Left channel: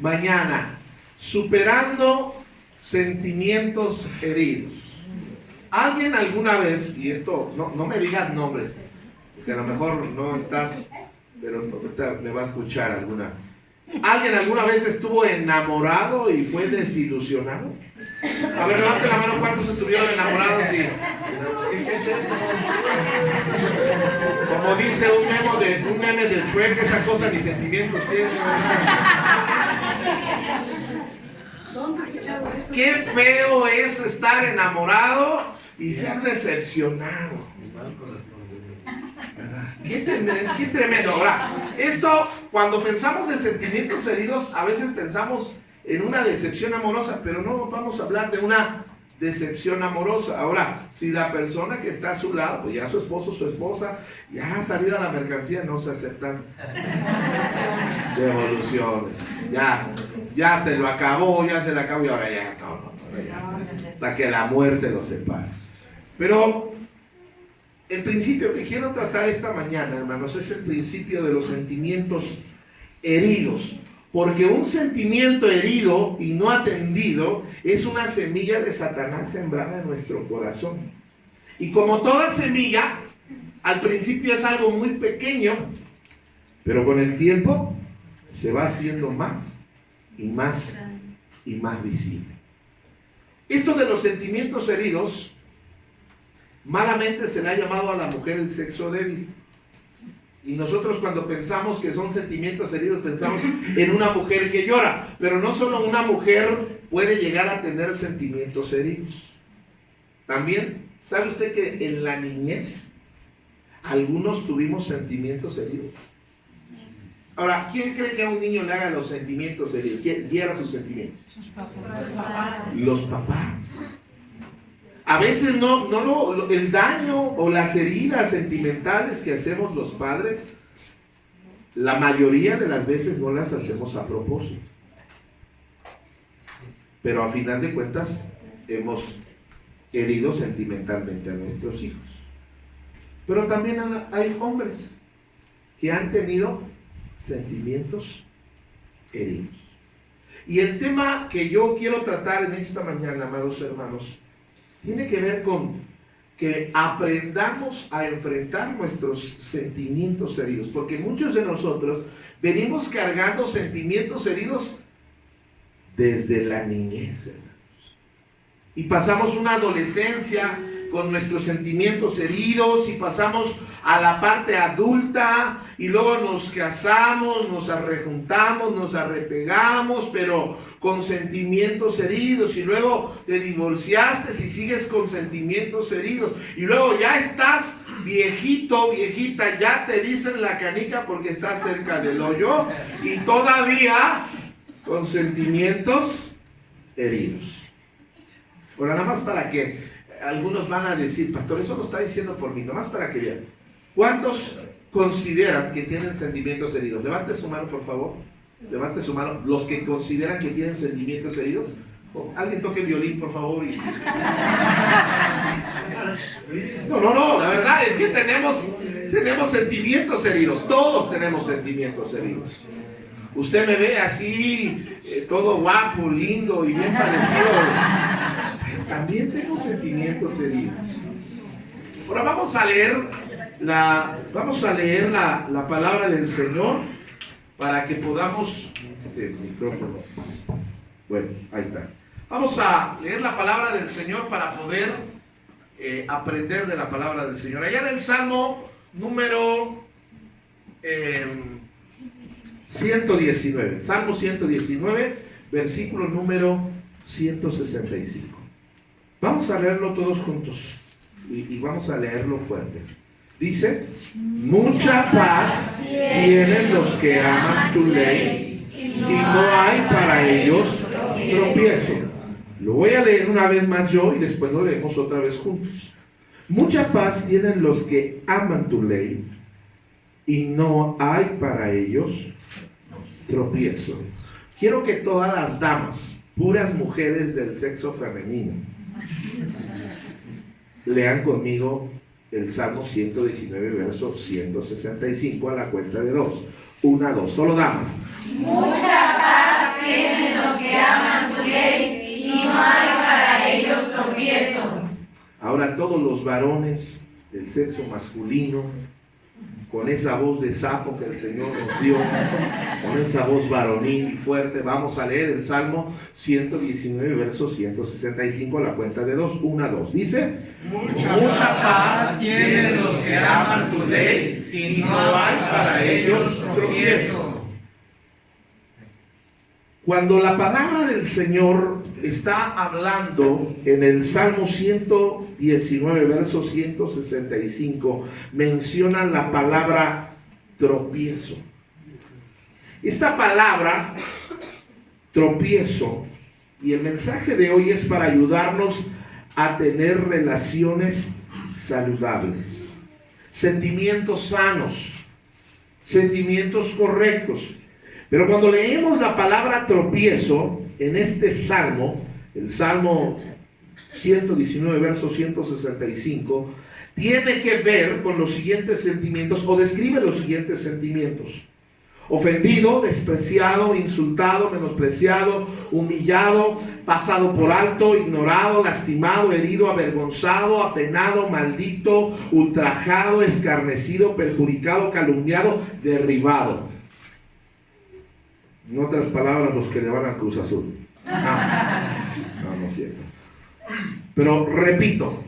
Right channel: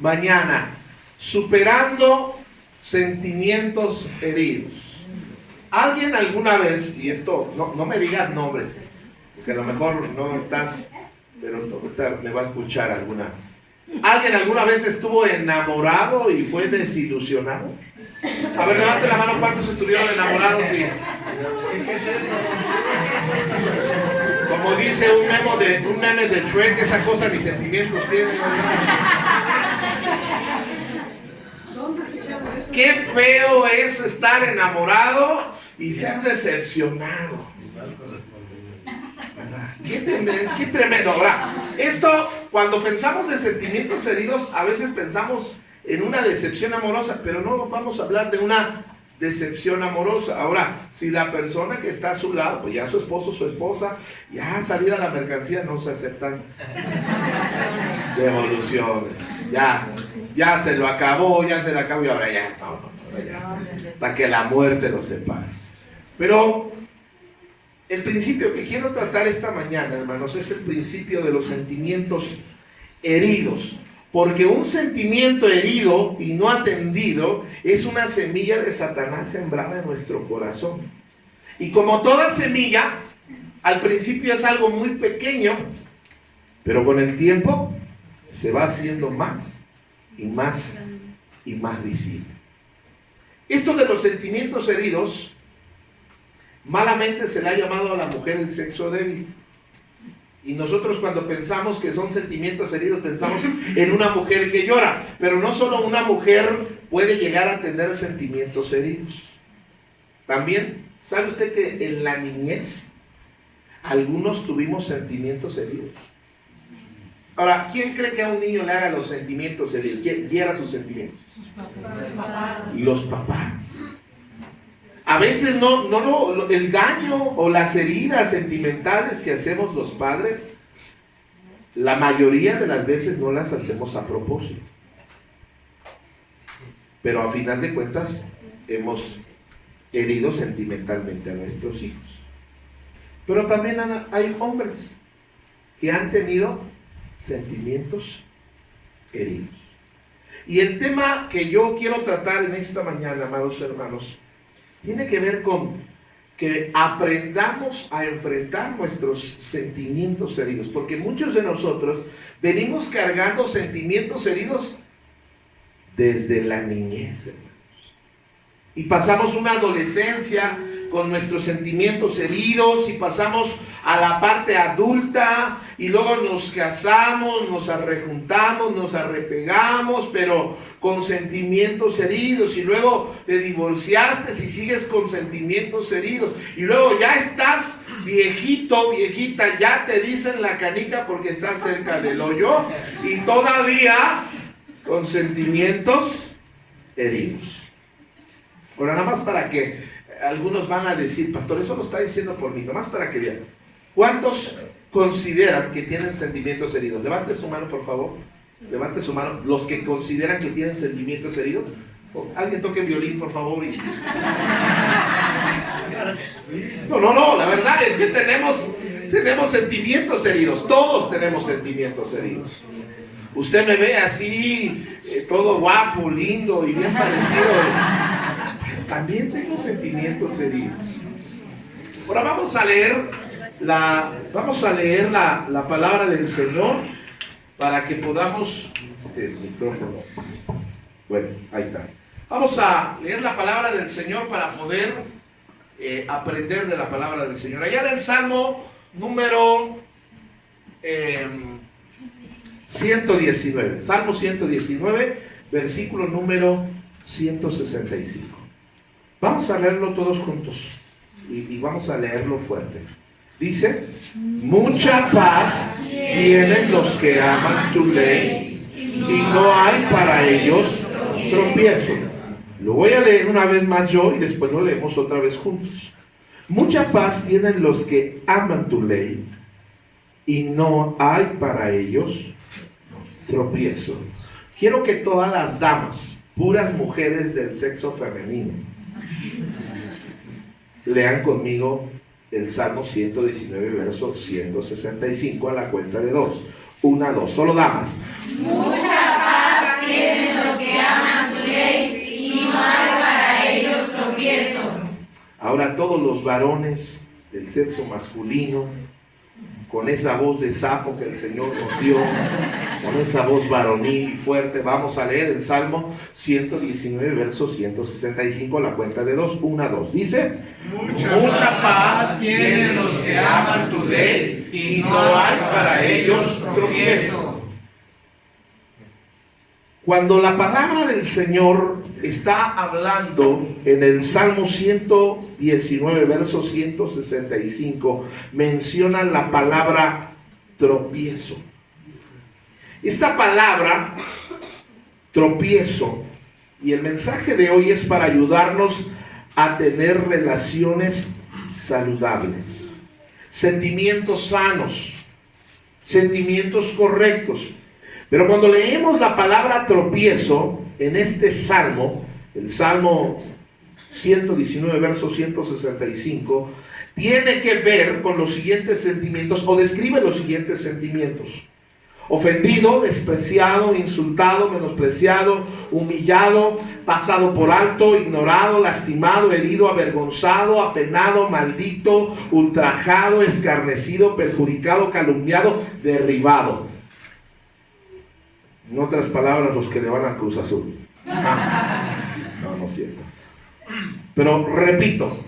mañana, superando sentimientos heridos. ¿Alguien alguna vez, y esto no me digas nombres, que a lo mejor no estás, pero ahorita me va a escuchar ¿alguien alguna vez estuvo enamorado y fue desilusionado? A ver, levanten la mano, ¿cuántos estuvieron enamorados? ¿Qué es eso? Como dice un meme de Shrek, esa cosa ni sentimientos tiene. Qué feo es estar enamorado y ser decepcionado. Qué tremendo. Ahora, esto, cuando pensamos de sentimientos heridos, a veces pensamos en una decepción amorosa, pero no vamos a hablar de una decepción amorosa. Ahora, si la persona que está a su lado, pues ya su esposo, su esposa, ya salida la mercancía, no se aceptan devoluciones. Ya se lo acabó, ya se le acabó y ahora ya, ahora ya, hasta que la muerte los separe. Pero el principio que quiero tratar esta mañana, hermanos, es el principio de los sentimientos heridos. Porque un sentimiento herido y no atendido es una semilla de Satanás sembrada en nuestro corazón. Y como toda semilla, al principio es algo muy pequeño, pero con el tiempo se va haciendo más y más y más visible. Esto de los sentimientos heridos, malamente se le ha llamado a la mujer el sexo débil. Y nosotros cuando pensamos que son sentimientos heridos, pensamos en una mujer que llora. Pero no solo una mujer puede llegar a tener sentimientos heridos. También, ¿sabe usted que en la niñez algunos tuvimos sentimientos heridos? Ahora, ¿quién cree que a un niño le haga los sentimientos heridos? ¿Quién hiera sus sentimientos? Sus papás. Los papás. A veces el daño o las heridas sentimentales que hacemos los padres, la mayoría de las veces no las hacemos a propósito. Pero a final de cuentas hemos herido sentimentalmente a nuestros hijos. Pero también hay hombres que han tenido sentimientos heridos. Y el tema que yo quiero tratar en esta mañana, amados hermanos, tiene que ver con que aprendamos a enfrentar nuestros sentimientos heridos, porque muchos de nosotros venimos cargando sentimientos heridos desde la niñez, hermanos. Y pasamos una adolescencia con nuestros sentimientos heridos y pasamos a la parte adulta y luego nos casamos, nos arrejuntamos, nos arrepegamos, pero con sentimientos heridos, y luego te divorciaste y sigues con sentimientos heridos, y luego ya estás viejito, viejita, ya te dicen la canica porque estás cerca del hoyo y todavía con sentimientos heridos. Ahora, nada más para que algunos van a decir, pastor, eso lo está diciendo por mí, nada más para que vean. ¿Cuántos consideran que tienen sentimientos heridos? Levante su mano, por favor. Levante su mano. Los que consideran que tienen sentimientos heridos. Alguien toque violín, por favor. No, la verdad es que tenemos sentimientos heridos. Todos tenemos sentimientos heridos. Usted me ve así, todo guapo, lindo y bien parecido. También tengo sentimientos heridos. Ahora vamos a leer la palabra del Señor para que podamos... micrófono. Bueno, ahí está. Vamos a leer la palabra del Señor para poder aprender de la palabra del Señor. Allá en el Salmo número 119. Salmo 119, versículo número 165. Vamos a leerlo todos juntos y vamos a leerlo fuerte. Dice: mucha paz tienen los que aman tu ley y no hay para ellos tropiezo. Lo voy a leer una vez más yo y después lo leemos otra vez juntos. Mucha paz tienen los que aman tu ley y no hay para ellos tropiezo. Quiero que todas las damas, puras mujeres del sexo femenino, lean conmigo el Salmo 119, verso 165 a la cuenta de 2. 1, 2, solo damas. Mucha paz tienen Ahora todos los varones del sexo masculino, con esa voz de sapo que el Señor nos dio, con esa voz varonil y fuerte, vamos a leer el Salmo 119, verso 165, a la cuenta de 2, 1 a 2. Dice: mucha paz tienen los que aman tu ley, y no hay para ellos tropiezo. Cuando la palabra del Señor está hablando en el Salmo 119, verso 165, menciona la palabra tropiezo. Esta palabra, tropiezo, y el mensaje de hoy es para ayudarnos a tener relaciones saludables, sentimientos sanos, sentimientos correctos. Pero cuando leemos la palabra tropiezo en este salmo, el Salmo 119, verso 165, tiene que ver con los siguientes sentimientos, o describe los siguientes sentimientos: ofendido, despreciado, insultado, menospreciado, humillado, pasado por alto, ignorado, lastimado, herido, avergonzado, apenado, maldito, ultrajado, escarnecido, perjudicado, calumniado, derribado. En otras palabras, los que le van a Cruz Azul. No es cierto. Pero repito,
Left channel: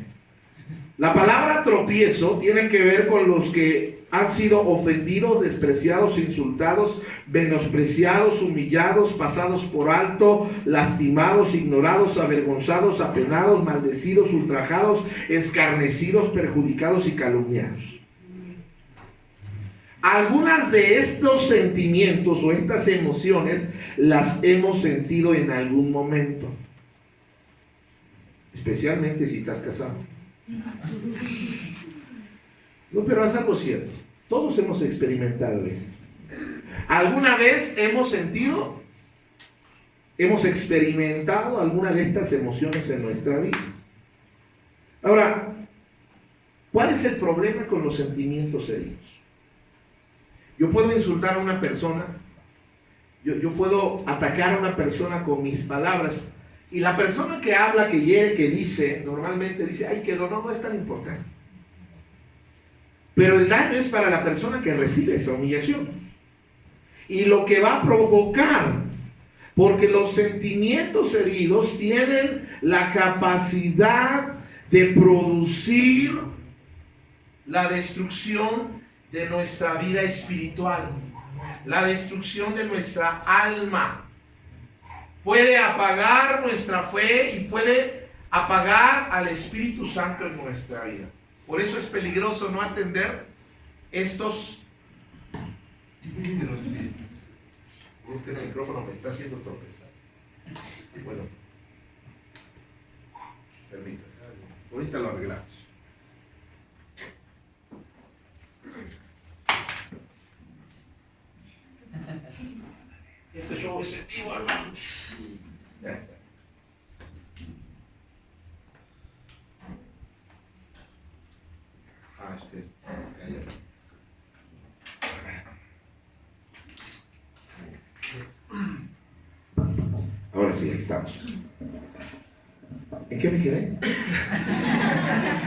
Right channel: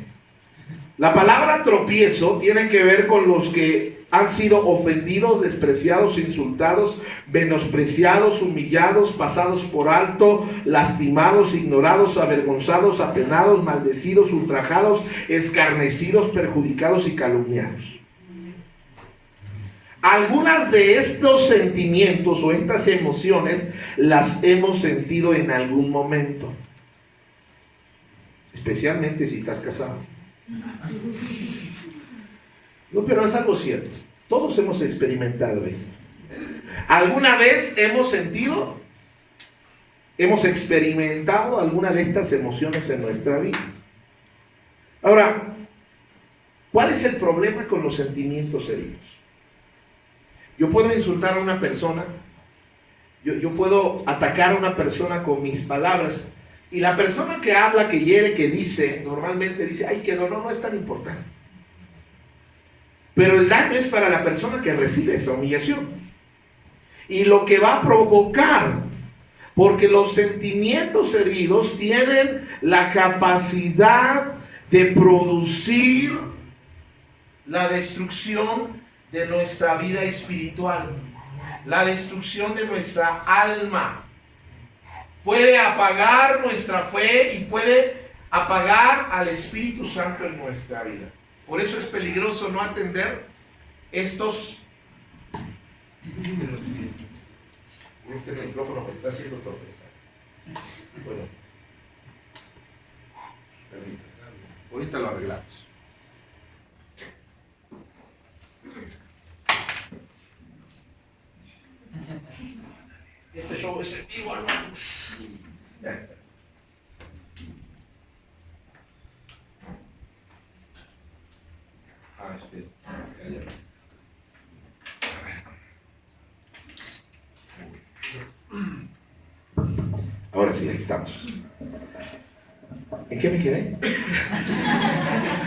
la palabra tropiezo tiene que ver con los que han sido ofendidos, despreciados, insultados, menospreciados, humillados, pasados por alto, lastimados, ignorados, avergonzados, apenados, maldecidos, ultrajados, escarnecidos, perjudicados y calumniados. Algunas de estos sentimientos o estas emociones las hemos sentido en algún momento, especialmente si estás casado. No, pero es algo cierto. Todos hemos experimentado esto. ¿Alguna vez hemos experimentado alguna de estas emociones en nuestra vida? Ahora, ¿cuál es el problema con los sentimientos heridos? Yo puedo insultar a una persona, yo puedo atacar a una persona con mis palabras, y la persona que habla, que hiere, que dice, normalmente dice: ay, quedó, no es tan importante. Pero el daño es para la persona que recibe esa humillación, y lo que va a provocar, porque los sentimientos heridos tienen la capacidad de producir la destrucción de nuestra vida espiritual, la destrucción de nuestra alma. Puede apagar nuestra fe y puede apagar al Espíritu Santo en nuestra vida. Por eso es peligroso no atender estos. Este micrófono me está haciendo tropezar. Bueno, permítame, ahorita lo arreglamos. Este show es en vivo, hermanos. Ahora sí, ahí estamos. ¿En qué me quedé?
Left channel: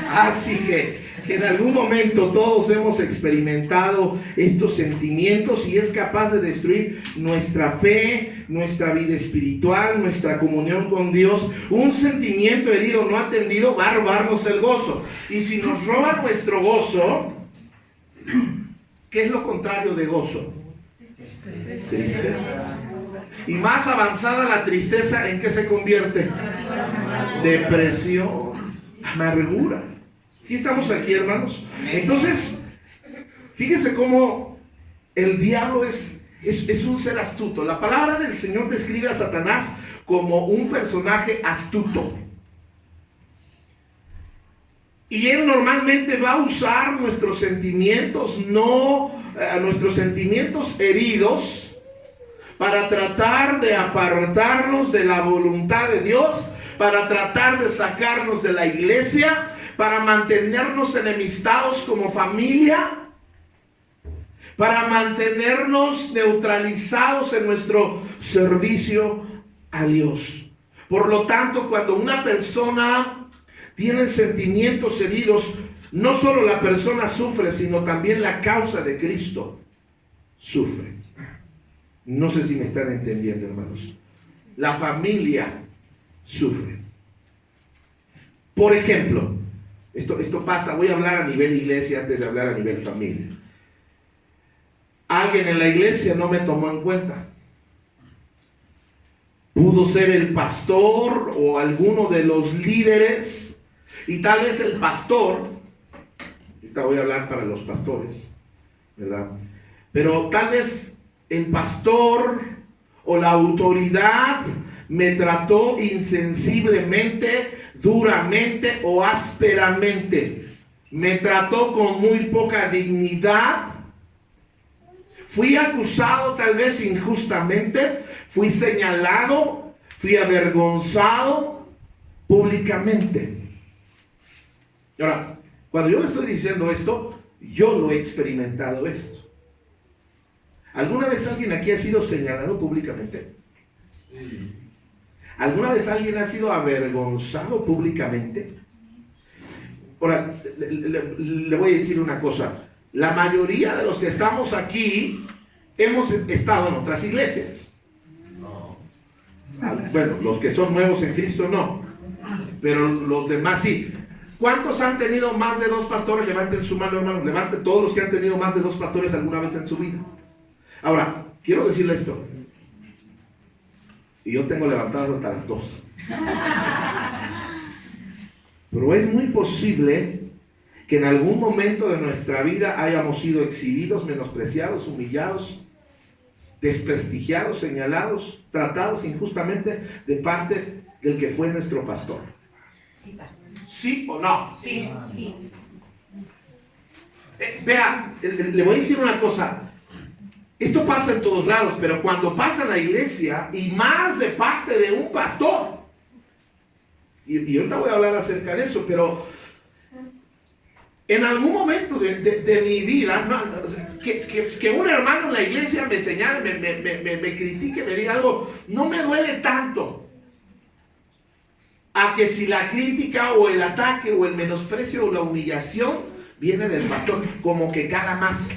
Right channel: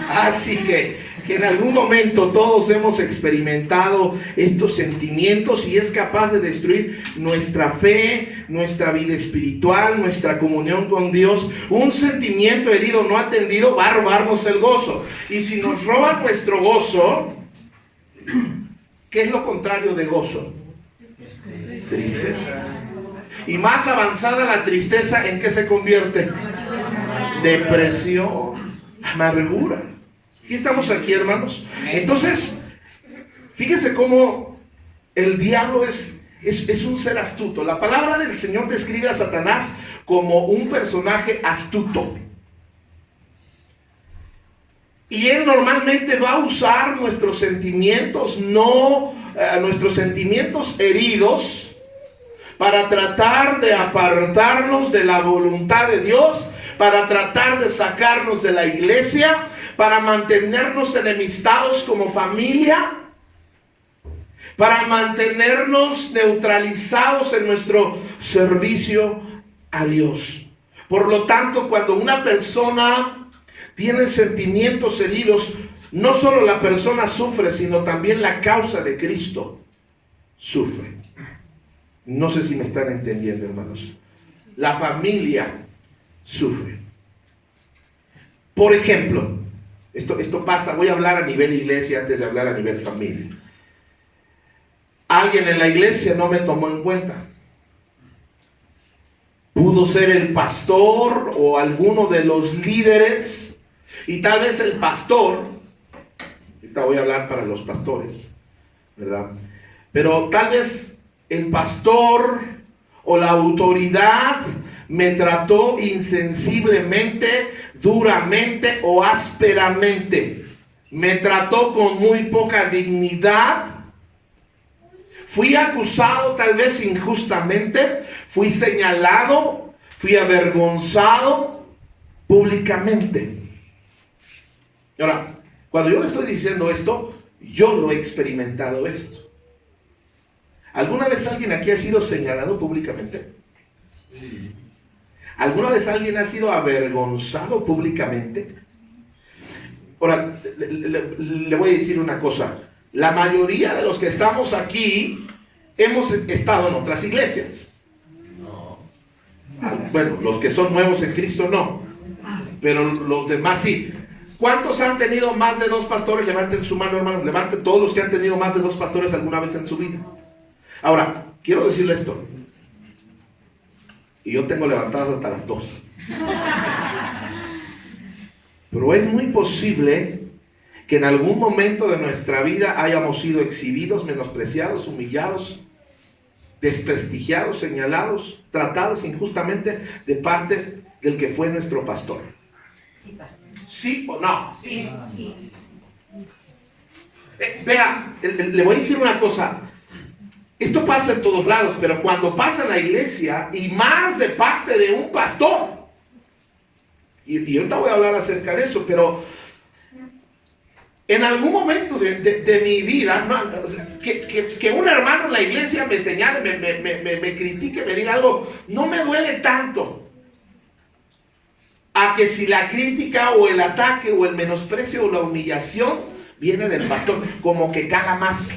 Así que en algún momento todos hemos experimentado estos sentimientos, y es capaz de destruir nuestra fe, nuestra vida espiritual, nuestra comunión con Dios. Un sentimiento herido no atendido va a robarnos el gozo, y si nos roban nuestro gozo, ¿qué es lo contrario de gozo? Tristeza. Y más avanzada la tristeza, ¿en qué se convierte? Depresión, amargura. ¿Sí estamos aquí, hermanos? Entonces, fíjense cómo el diablo es un ser astuto. La palabra del Señor describe a Satanás como un personaje astuto. Y él normalmente va a usar nuestros sentimientos, nuestros sentimientos heridos, para tratar de apartarnos de la voluntad de Dios, para tratar de sacarnos de la iglesia, para mantenernos enemistados como familia, para mantenernos neutralizados en nuestro servicio a Dios. Por lo tanto, cuando una persona tienen sentimientos heridos, no solo la persona sufre, sino también la causa de Cristo sufre. No sé si me están entendiendo, hermanos. La familia sufre. Por ejemplo, esto pasa, voy a hablar a nivel iglesia antes de hablar a nivel familia. Alguien en la iglesia no me tomó en cuenta. Pudo ser el pastor o alguno de los líderes, y tal vez el pastor, ahorita voy a hablar para los pastores, ¿verdad? Pero tal vez el pastor o la autoridad me trató insensiblemente, duramente o ásperamente. Me trató con muy poca dignidad. Fui acusado tal vez injustamente. Fui señalado. Fui avergonzado públicamente. Ahora, cuando yo le estoy diciendo esto, yo lo he experimentado esto. ¿Alguna vez alguien aquí ha sido señalado públicamente? Sí. ¿Alguna vez alguien ha sido avergonzado públicamente? Ahora, le voy a decir una cosa. La mayoría de los que estamos aquí hemos estado en otras iglesias. No. Bueno, los que son nuevos en Cristo no. Pero los demás sí. ¿Cuántos han tenido más de 2 pastores? Levanten su mano, hermanos. Levanten todos los que han tenido más de 2 pastores alguna vez en su vida. Ahora, quiero decirle esto. Y yo tengo levantadas hasta las 2. Pero es muy posible que en algún momento de nuestra vida hayamos sido exhibidos, menospreciados, humillados, desprestigiados, señalados, tratados injustamente de parte del que fue nuestro pastor. ¿Sí o no? Sí. Vea, le voy a decir una cosa. Esto pasa en todos lados, pero cuando pasa en la iglesia, y más de parte de un pastor, y ahorita voy a hablar acerca de eso, pero en algún momento de mi vida, no, o sea, que un hermano en la iglesia me señale, me critique, me diga algo, no me duele tanto a que si la crítica o el ataque o el menosprecio o la humillación viene del pastor, como que cala más.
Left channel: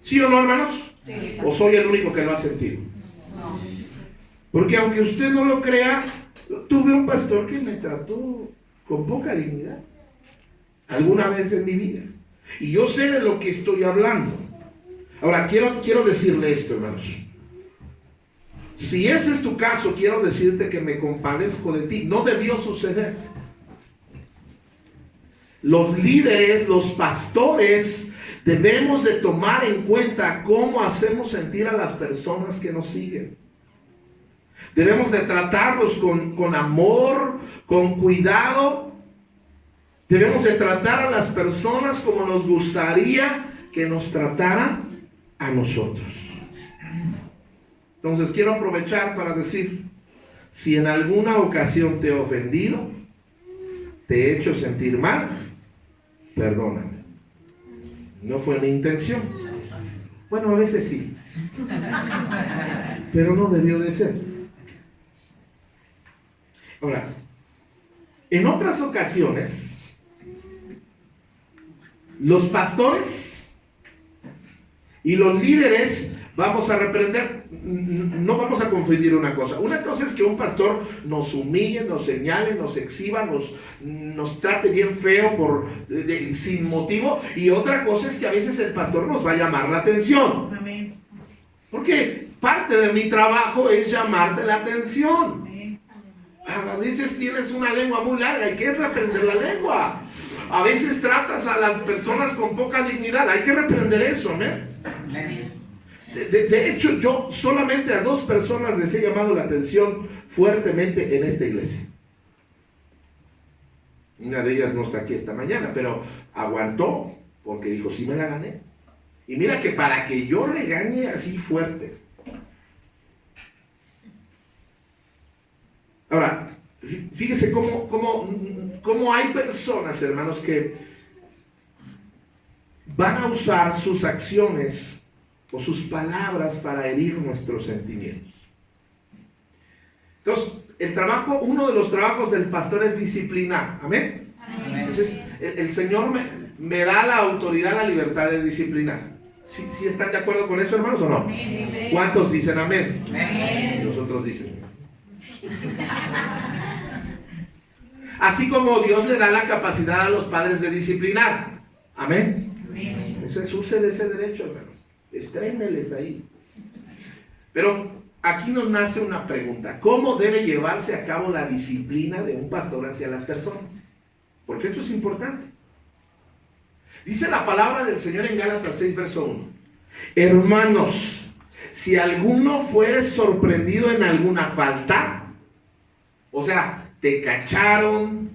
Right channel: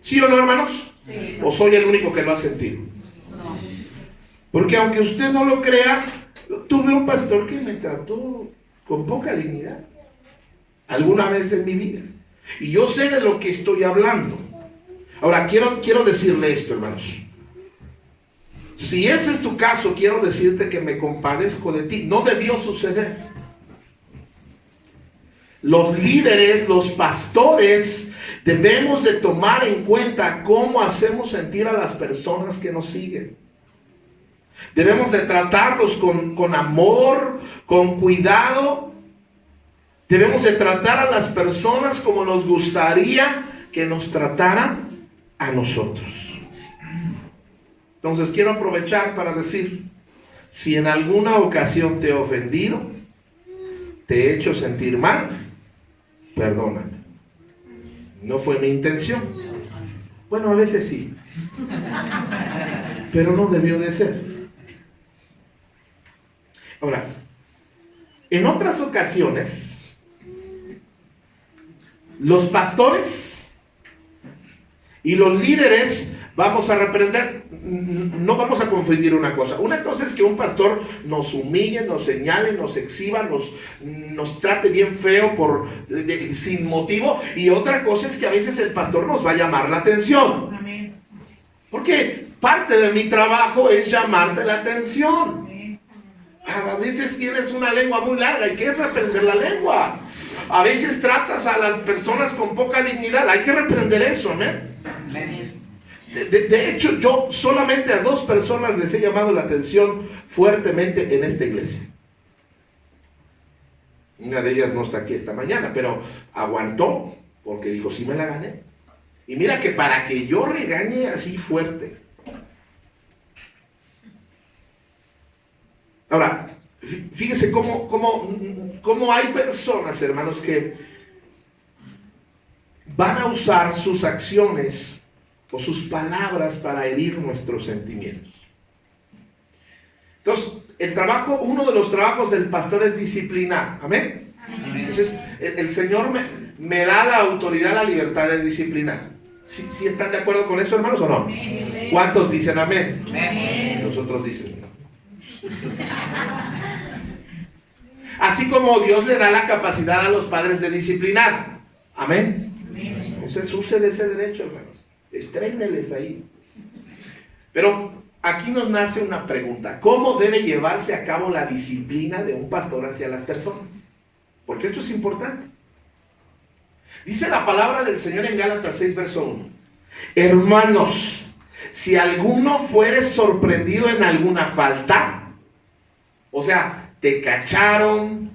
¿Sí o no, hermanos? Sí. ¿O soy el único que lo ha sentido? No. Porque aunque usted no lo crea, tuve un pastor que me trató con poca dignidad alguna vez en mi vida. Y yo sé de lo que estoy hablando. Ahora, quiero decirle esto, hermanos. Si ese es tu caso, quiero decirte que me compadezco de ti. No debió suceder. Los líderes, los pastores, debemos de tomar en cuenta cómo hacemos sentir a las personas que nos siguen. Debemos de tratarlos con amor, con cuidado. Debemos de tratar a las personas como nos gustaría que nos trataran a nosotros. Entonces quiero aprovechar para decir, si en alguna ocasión te he ofendido, te he hecho sentir mal, perdóname. No fue mi intención. Bueno, a veces sí. Pero no debió de ser. Ahora, en otras ocasiones, los pastores y los líderes vamos a reprender. No vamos a confundir una cosa. Una cosa es que un pastor nos humille, nos señale, nos exhiba, nos trate bien feo sin motivo. Y otra cosa es que a veces el pastor nos va a llamar la atención. Amén. Porque parte de mi trabajo es llamarte la atención. Amén. A veces tienes una lengua muy larga, hay que reprender la lengua. A veces tratas a las personas con poca dignidad, hay que reprender eso. Amén. Amén. De hecho, yo solamente a 2 personas les he llamado la atención fuertemente en esta iglesia. Una de ellas no está aquí esta mañana, pero aguantó porque dijo, sí me la gané. Y mira que para que yo regañe así fuerte. Ahora, fíjese cómo hay personas, hermanos, que van a usar sus acciones o sus palabras para herir nuestros sentimientos. Entonces, uno de los trabajos del pastor es disciplinar. Amén. Entonces, el Señor me da la autoridad, la libertad de disciplinar. ¿Sí están de acuerdo con eso, hermanos, o no? ¿Cuántos dicen amén? Y los otros dicen no. Así como Dios le da la capacidad a los padres de disciplinar. Amén. Entonces usen ese derecho, hermanos. Estréneles ahí. Pero aquí nos nace una pregunta. ¿Cómo debe llevarse a cabo la disciplina de un pastor hacia las personas? Porque esto es importante. Dice la palabra del Señor en Gálatas 6, verso 1. Hermanos, si alguno fuere sorprendido en alguna falta, o sea, te cacharon,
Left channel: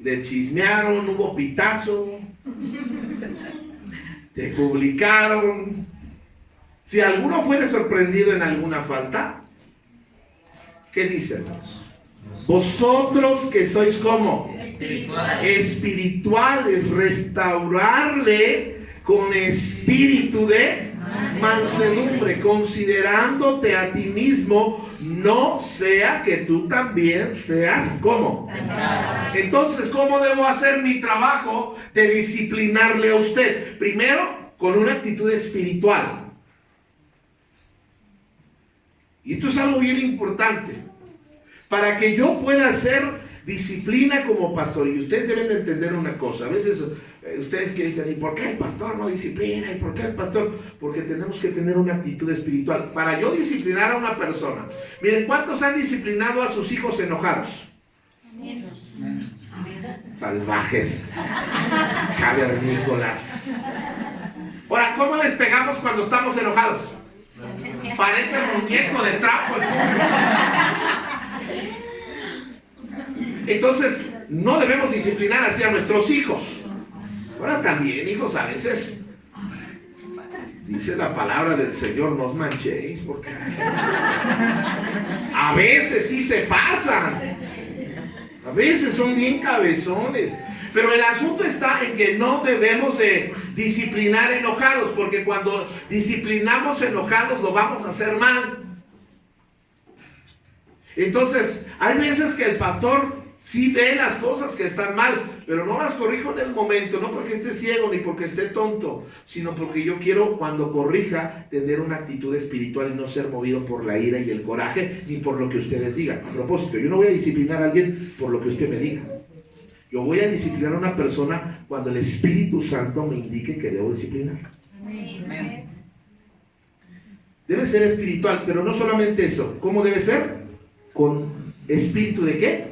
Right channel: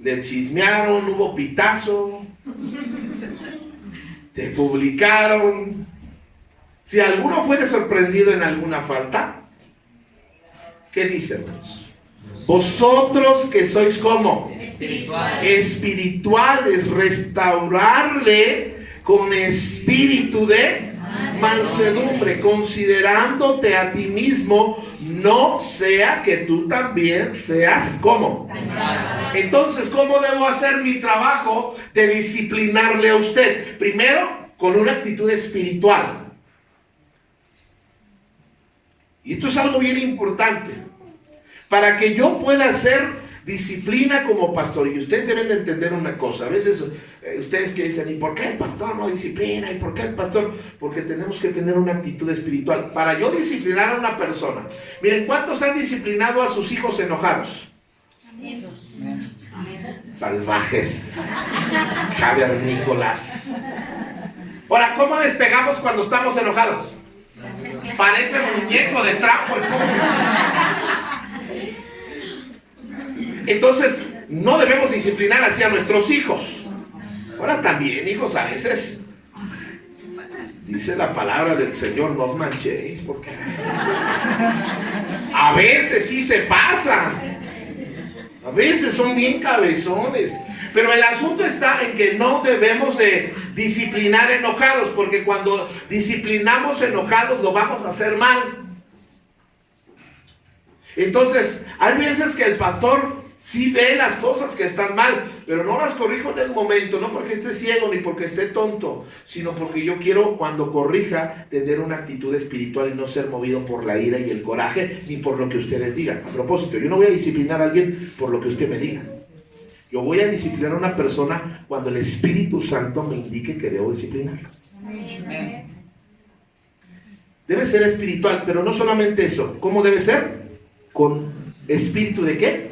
le chismearon, hubo pitazo, te publicaron. Si alguno fuere sorprendido en alguna falta, ¿qué dice, hermanos? Vosotros que sois como espirituales, restaurarle con espíritu de mansedumbre, considerándote a ti mismo, no sea que tú también seas como. Entonces, ¿cómo debo hacer mi trabajo de disciplinarle a usted? Primero, con una actitud espiritual. Y esto es algo bien importante. Para que yo pueda hacer disciplina como pastor, y ustedes deben de entender una cosa. A veces ustedes que dicen, ¿y por qué el pastor no disciplina? ¿Y por qué el pastor? Porque tenemos que tener una actitud espiritual. Para yo disciplinar a una persona, miren, ¿cuántos han disciplinado a sus hijos enojados? Amén. Salvajes. Javier Nicolás. Ahora, ¿cómo despegamos cuando estamos enojados? Parece muñeco de trapo. Entonces, no debemos disciplinar hacia nuestros hijos. Ahora también, hijos, a veces dice la palabra del Señor, no os manchéis, porque a veces sí se pasan. A veces son bien cabezones. Pero el asunto está en que no debemos de disciplinar enojados, porque cuando disciplinamos enojados lo vamos a hacer mal. Entonces, hay veces que el pastor sí ve las cosas que están mal, pero no las corrijo en el momento, no porque esté ciego ni porque esté tonto, sino porque yo quiero, cuando corrija, tener una actitud espiritual y no ser movido por la ira y el coraje, ni por lo que ustedes digan. A propósito, yo no voy a disciplinar a alguien por lo que usted me diga. Yo voy a disciplinar a una persona cuando el Espíritu Santo me indique que debo disciplinar. Amén. Debe ser espiritual, pero no solamente eso. ¿Cómo debe ser? Con espíritu de ¿qué?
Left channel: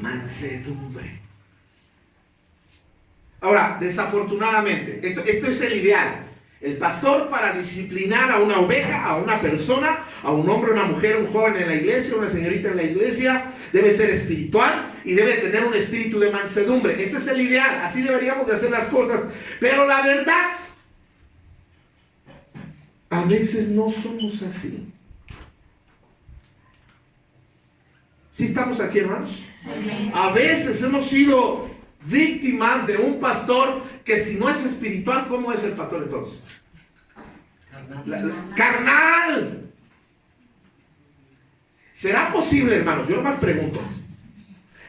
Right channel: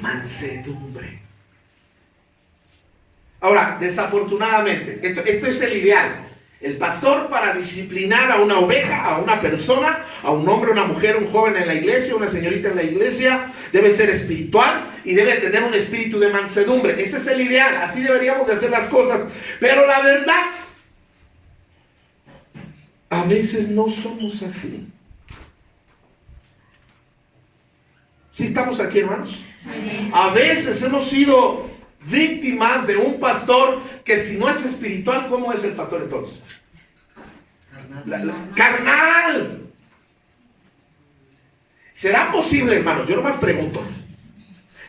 Mansedumbre. Ahora, desafortunadamente, esto es el ideal. El pastor, para disciplinar a una oveja, a una persona, a un hombre, una mujer, un joven en la iglesia, una señorita en la iglesia, debe ser espiritual y debe tener un espíritu de mansedumbre. Ese es el ideal, así deberíamos de hacer las cosas. Pero la verdad, a veces no somos así. ¿Sí estamos aquí, hermanos? Sí. A veces hemos sido víctimas de un pastor que, si no es espiritual, ¿cómo es el pastor entonces? Carnal. ¿Será posible, hermanos? Yo nomás pregunto.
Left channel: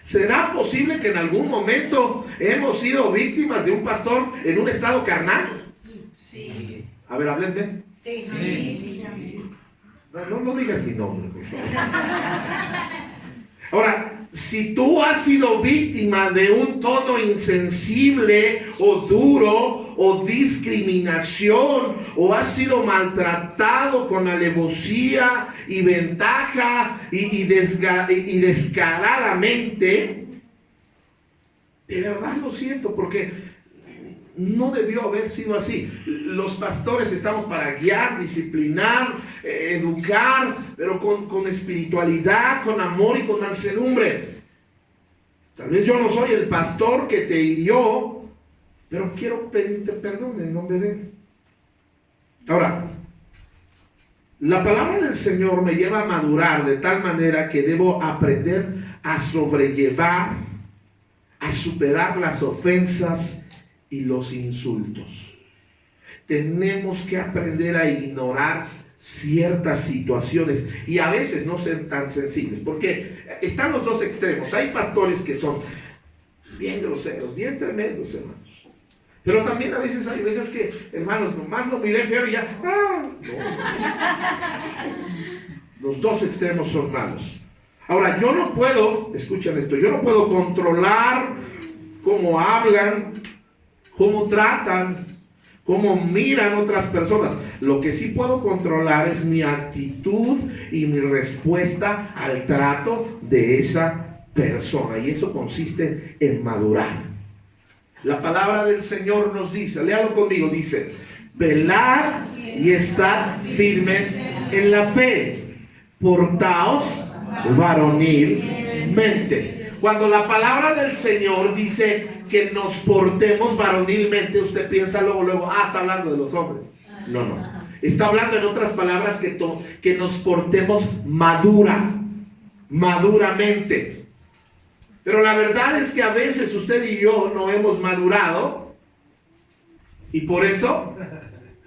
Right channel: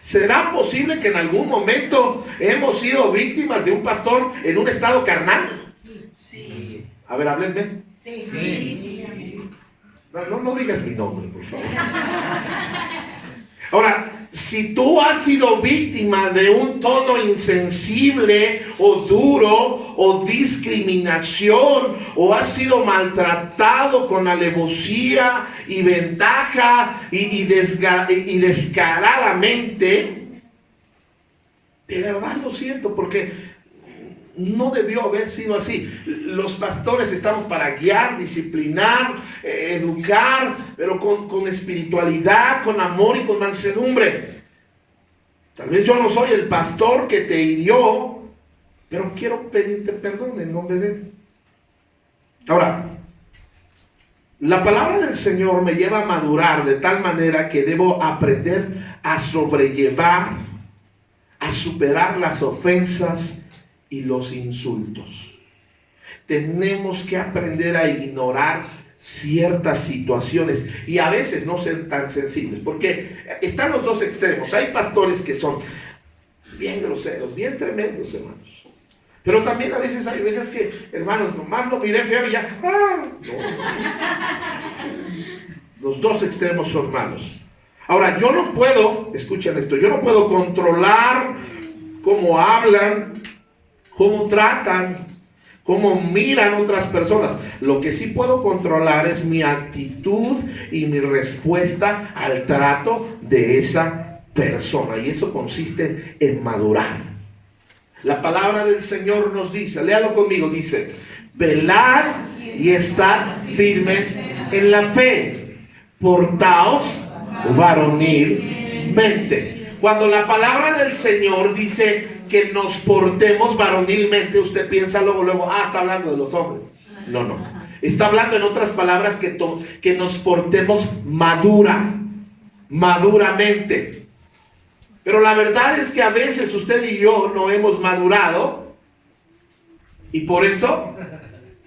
¿Será posible que en algún momento hemos sido víctimas de un pastor en un estado carnal? Sí. A ver, háblenme. Sí. No digas mi nombre, por favor. Ahora, si tú has sido víctima de un tono insensible o duro o discriminación, o has sido maltratado con alevosía y ventaja y descaradamente, de verdad lo siento, porque no debió haber sido así. Los pastores estamos para guiar, disciplinar, educar, pero con espiritualidad, con amor y con mansedumbre. Tal vez yo no soy el pastor que te hirió, pero quiero pedirte perdón en nombre de él. Ahora, la palabra del Señor me lleva a madurar de tal manera que debo aprender a sobrellevar, a superar las ofensas y los insultos. Tenemos que aprender a ignorar ciertas situaciones y a veces no ser tan sensibles, porque están los dos extremos. Hay pastores que son bien groseros, bien tremendos, hermanos, pero también a veces hay ovejas que, hermanos, nomás lo miré feo y ya, no. Los dos extremos son malos. Ahora, yo no puedo, escuchen esto, yo no puedo controlar cómo hablan, cómo tratan, cómo miran otras personas. Lo que sí puedo controlar es mi actitud y mi respuesta al trato de esa persona. Y eso consiste en madurar. La palabra del Señor nos dice, léalo conmigo, dice, velad y estad firmes en la fe, portaos varonilmente. Cuando la palabra del Señor dice que nos portemos varonilmente, usted piensa luego, está hablando de los hombres. No. Está hablando en otras palabras que nos portemos maduramente. Pero la verdad es que a veces usted y yo no hemos madurado y por eso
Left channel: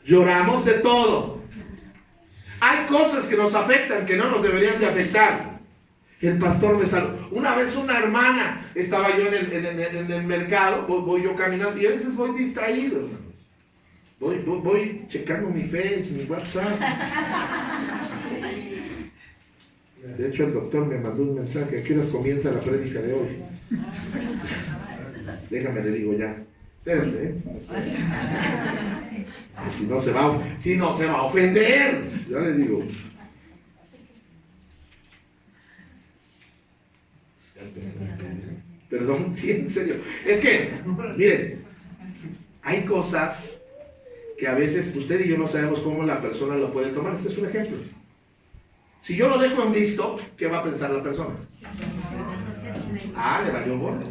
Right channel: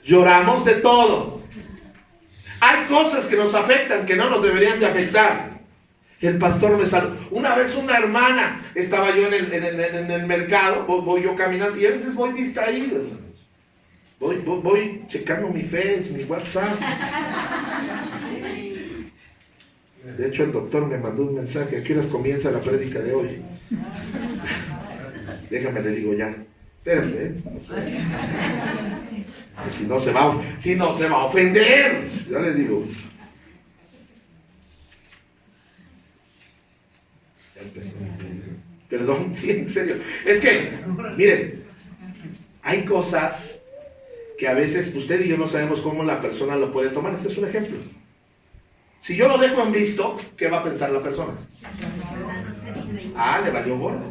lloramos de todo. Hay cosas que nos afectan que no nos deberían de afectar. El pastor me saludó. Una vez una hermana, estaba yo en el mercado, voy yo caminando y a veces voy distraído, hermanos. Voy checando mi Face, mi WhatsApp. De hecho, el doctor me mandó un mensaje. ¿A qué horas comienza la prédica de hoy? Déjame, le digo ya. Espérense, Si no se va a ofender. Ya le digo. Perdón, sí, en serio. Es que, miren, hay cosas que a veces usted y yo no sabemos cómo la persona lo puede tomar. Este es un ejemplo. Si yo lo dejo en visto, ¿qué va a pensar la persona? Le valió gordo.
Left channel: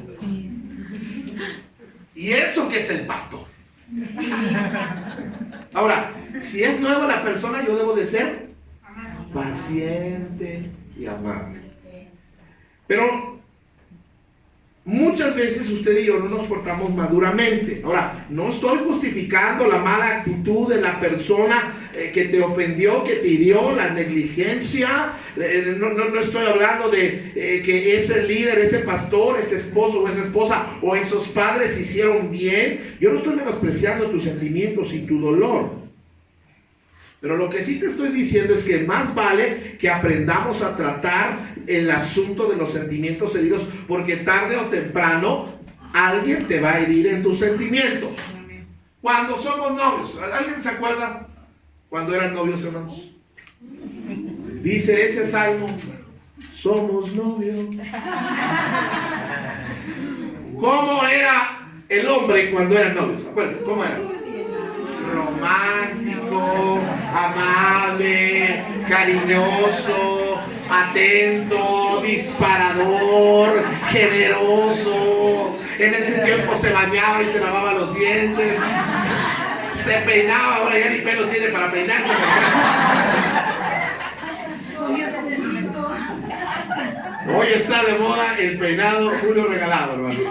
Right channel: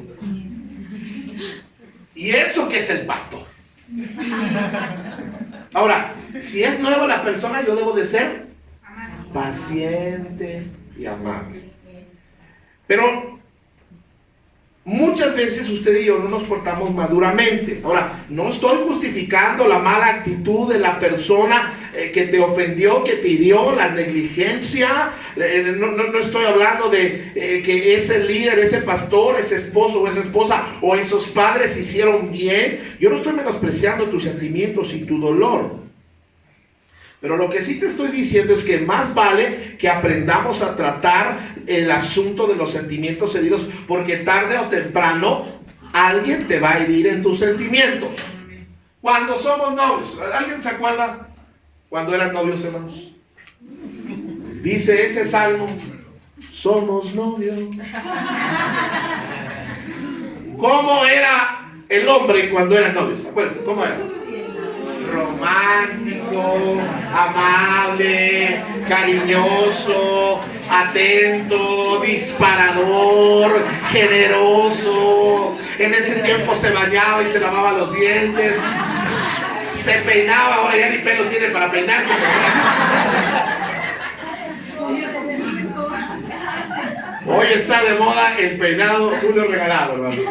Y eso que es el pastor. Ahora, si es nueva la persona, yo debo de ser paciente y amable. Pero muchas veces usted y yo no nos portamos maduramente. Ahora, no estoy justificando la mala actitud de la persona que te ofendió, que te hirió, la negligencia. No estoy hablando de que ese líder, ese pastor, ese esposo o esa esposa o esos padres hicieron bien. Yo no estoy menospreciando tus sentimientos y tu dolor. Pero lo que sí te estoy diciendo es que más vale que aprendamos a tratar el asunto de los sentimientos heridos, porque tarde o temprano alguien te va a herir en tus sentimientos. Cuando somos novios, ¿alguien se acuerda cuando eran novios, hermanos? Dice ese salmo, somos novios. ¿Cómo era el hombre cuando eran novios? Acuérdense, ¿cómo era? Romántico, amable, cariñoso, atento, disparador, generoso. En ese tiempo se bañaba y se lavaba los dientes, se peinaba, ahora ya ni pelo tiene para peinarse. Hoy está de moda el peinado Julio regalado, hermano.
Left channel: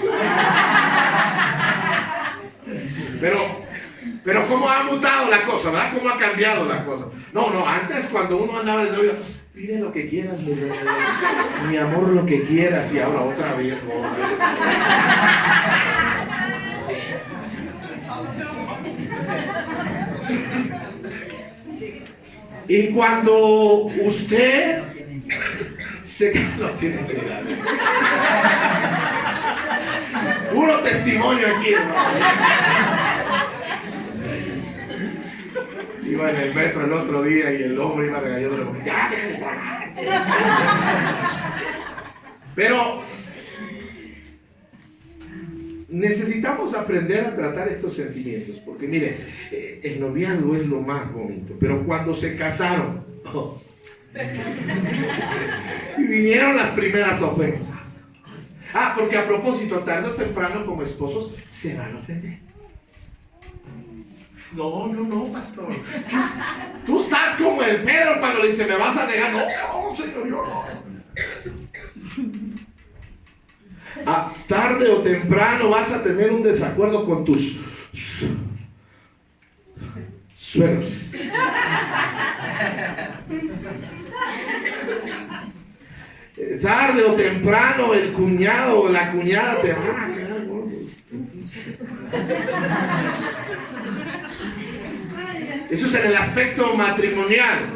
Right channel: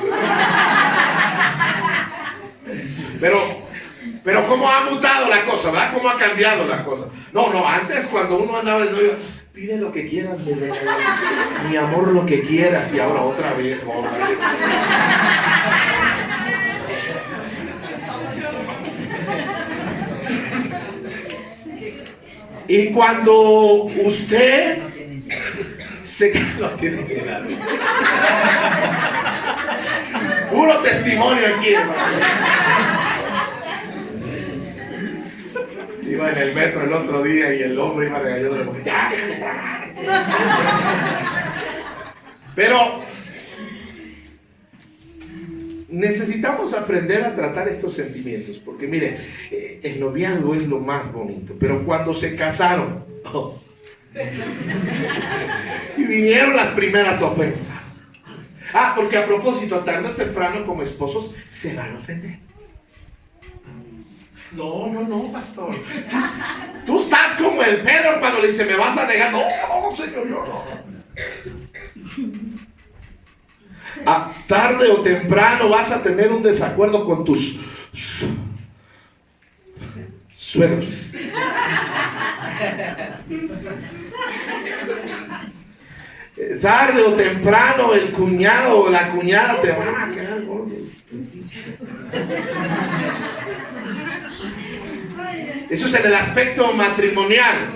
Pero cómo ha mutado la cosa, ¿verdad? Cómo ha cambiado la cosa. No, antes cuando uno andaba de novio, pide lo que quieras, mi amor, lo que quieras, y ahora otra vez, Y cuando usted los tiene que dar. Puro testimonio aquí, hermano. Iba en el metro el otro día y el hombre iba regañando a la mujer. ¡Ya, déjame tragar! Pero necesitamos aprender a tratar estos sentimientos, porque mire, el noviazgo es lo más bonito, pero cuando se casaron y vinieron las primeras ofensas. Porque a propósito, tarde o temprano como esposos se van a ofender. No, pastor. Tú estás como el Pedro cuando le dice, ¿me vas a negar? No, Señor, yo no. Tarde o temprano vas a tener un desacuerdo con tus suegros. Tarde o temprano el cuñado o la cuñada te van a quedar gordos. Eso es en el aspecto matrimonial.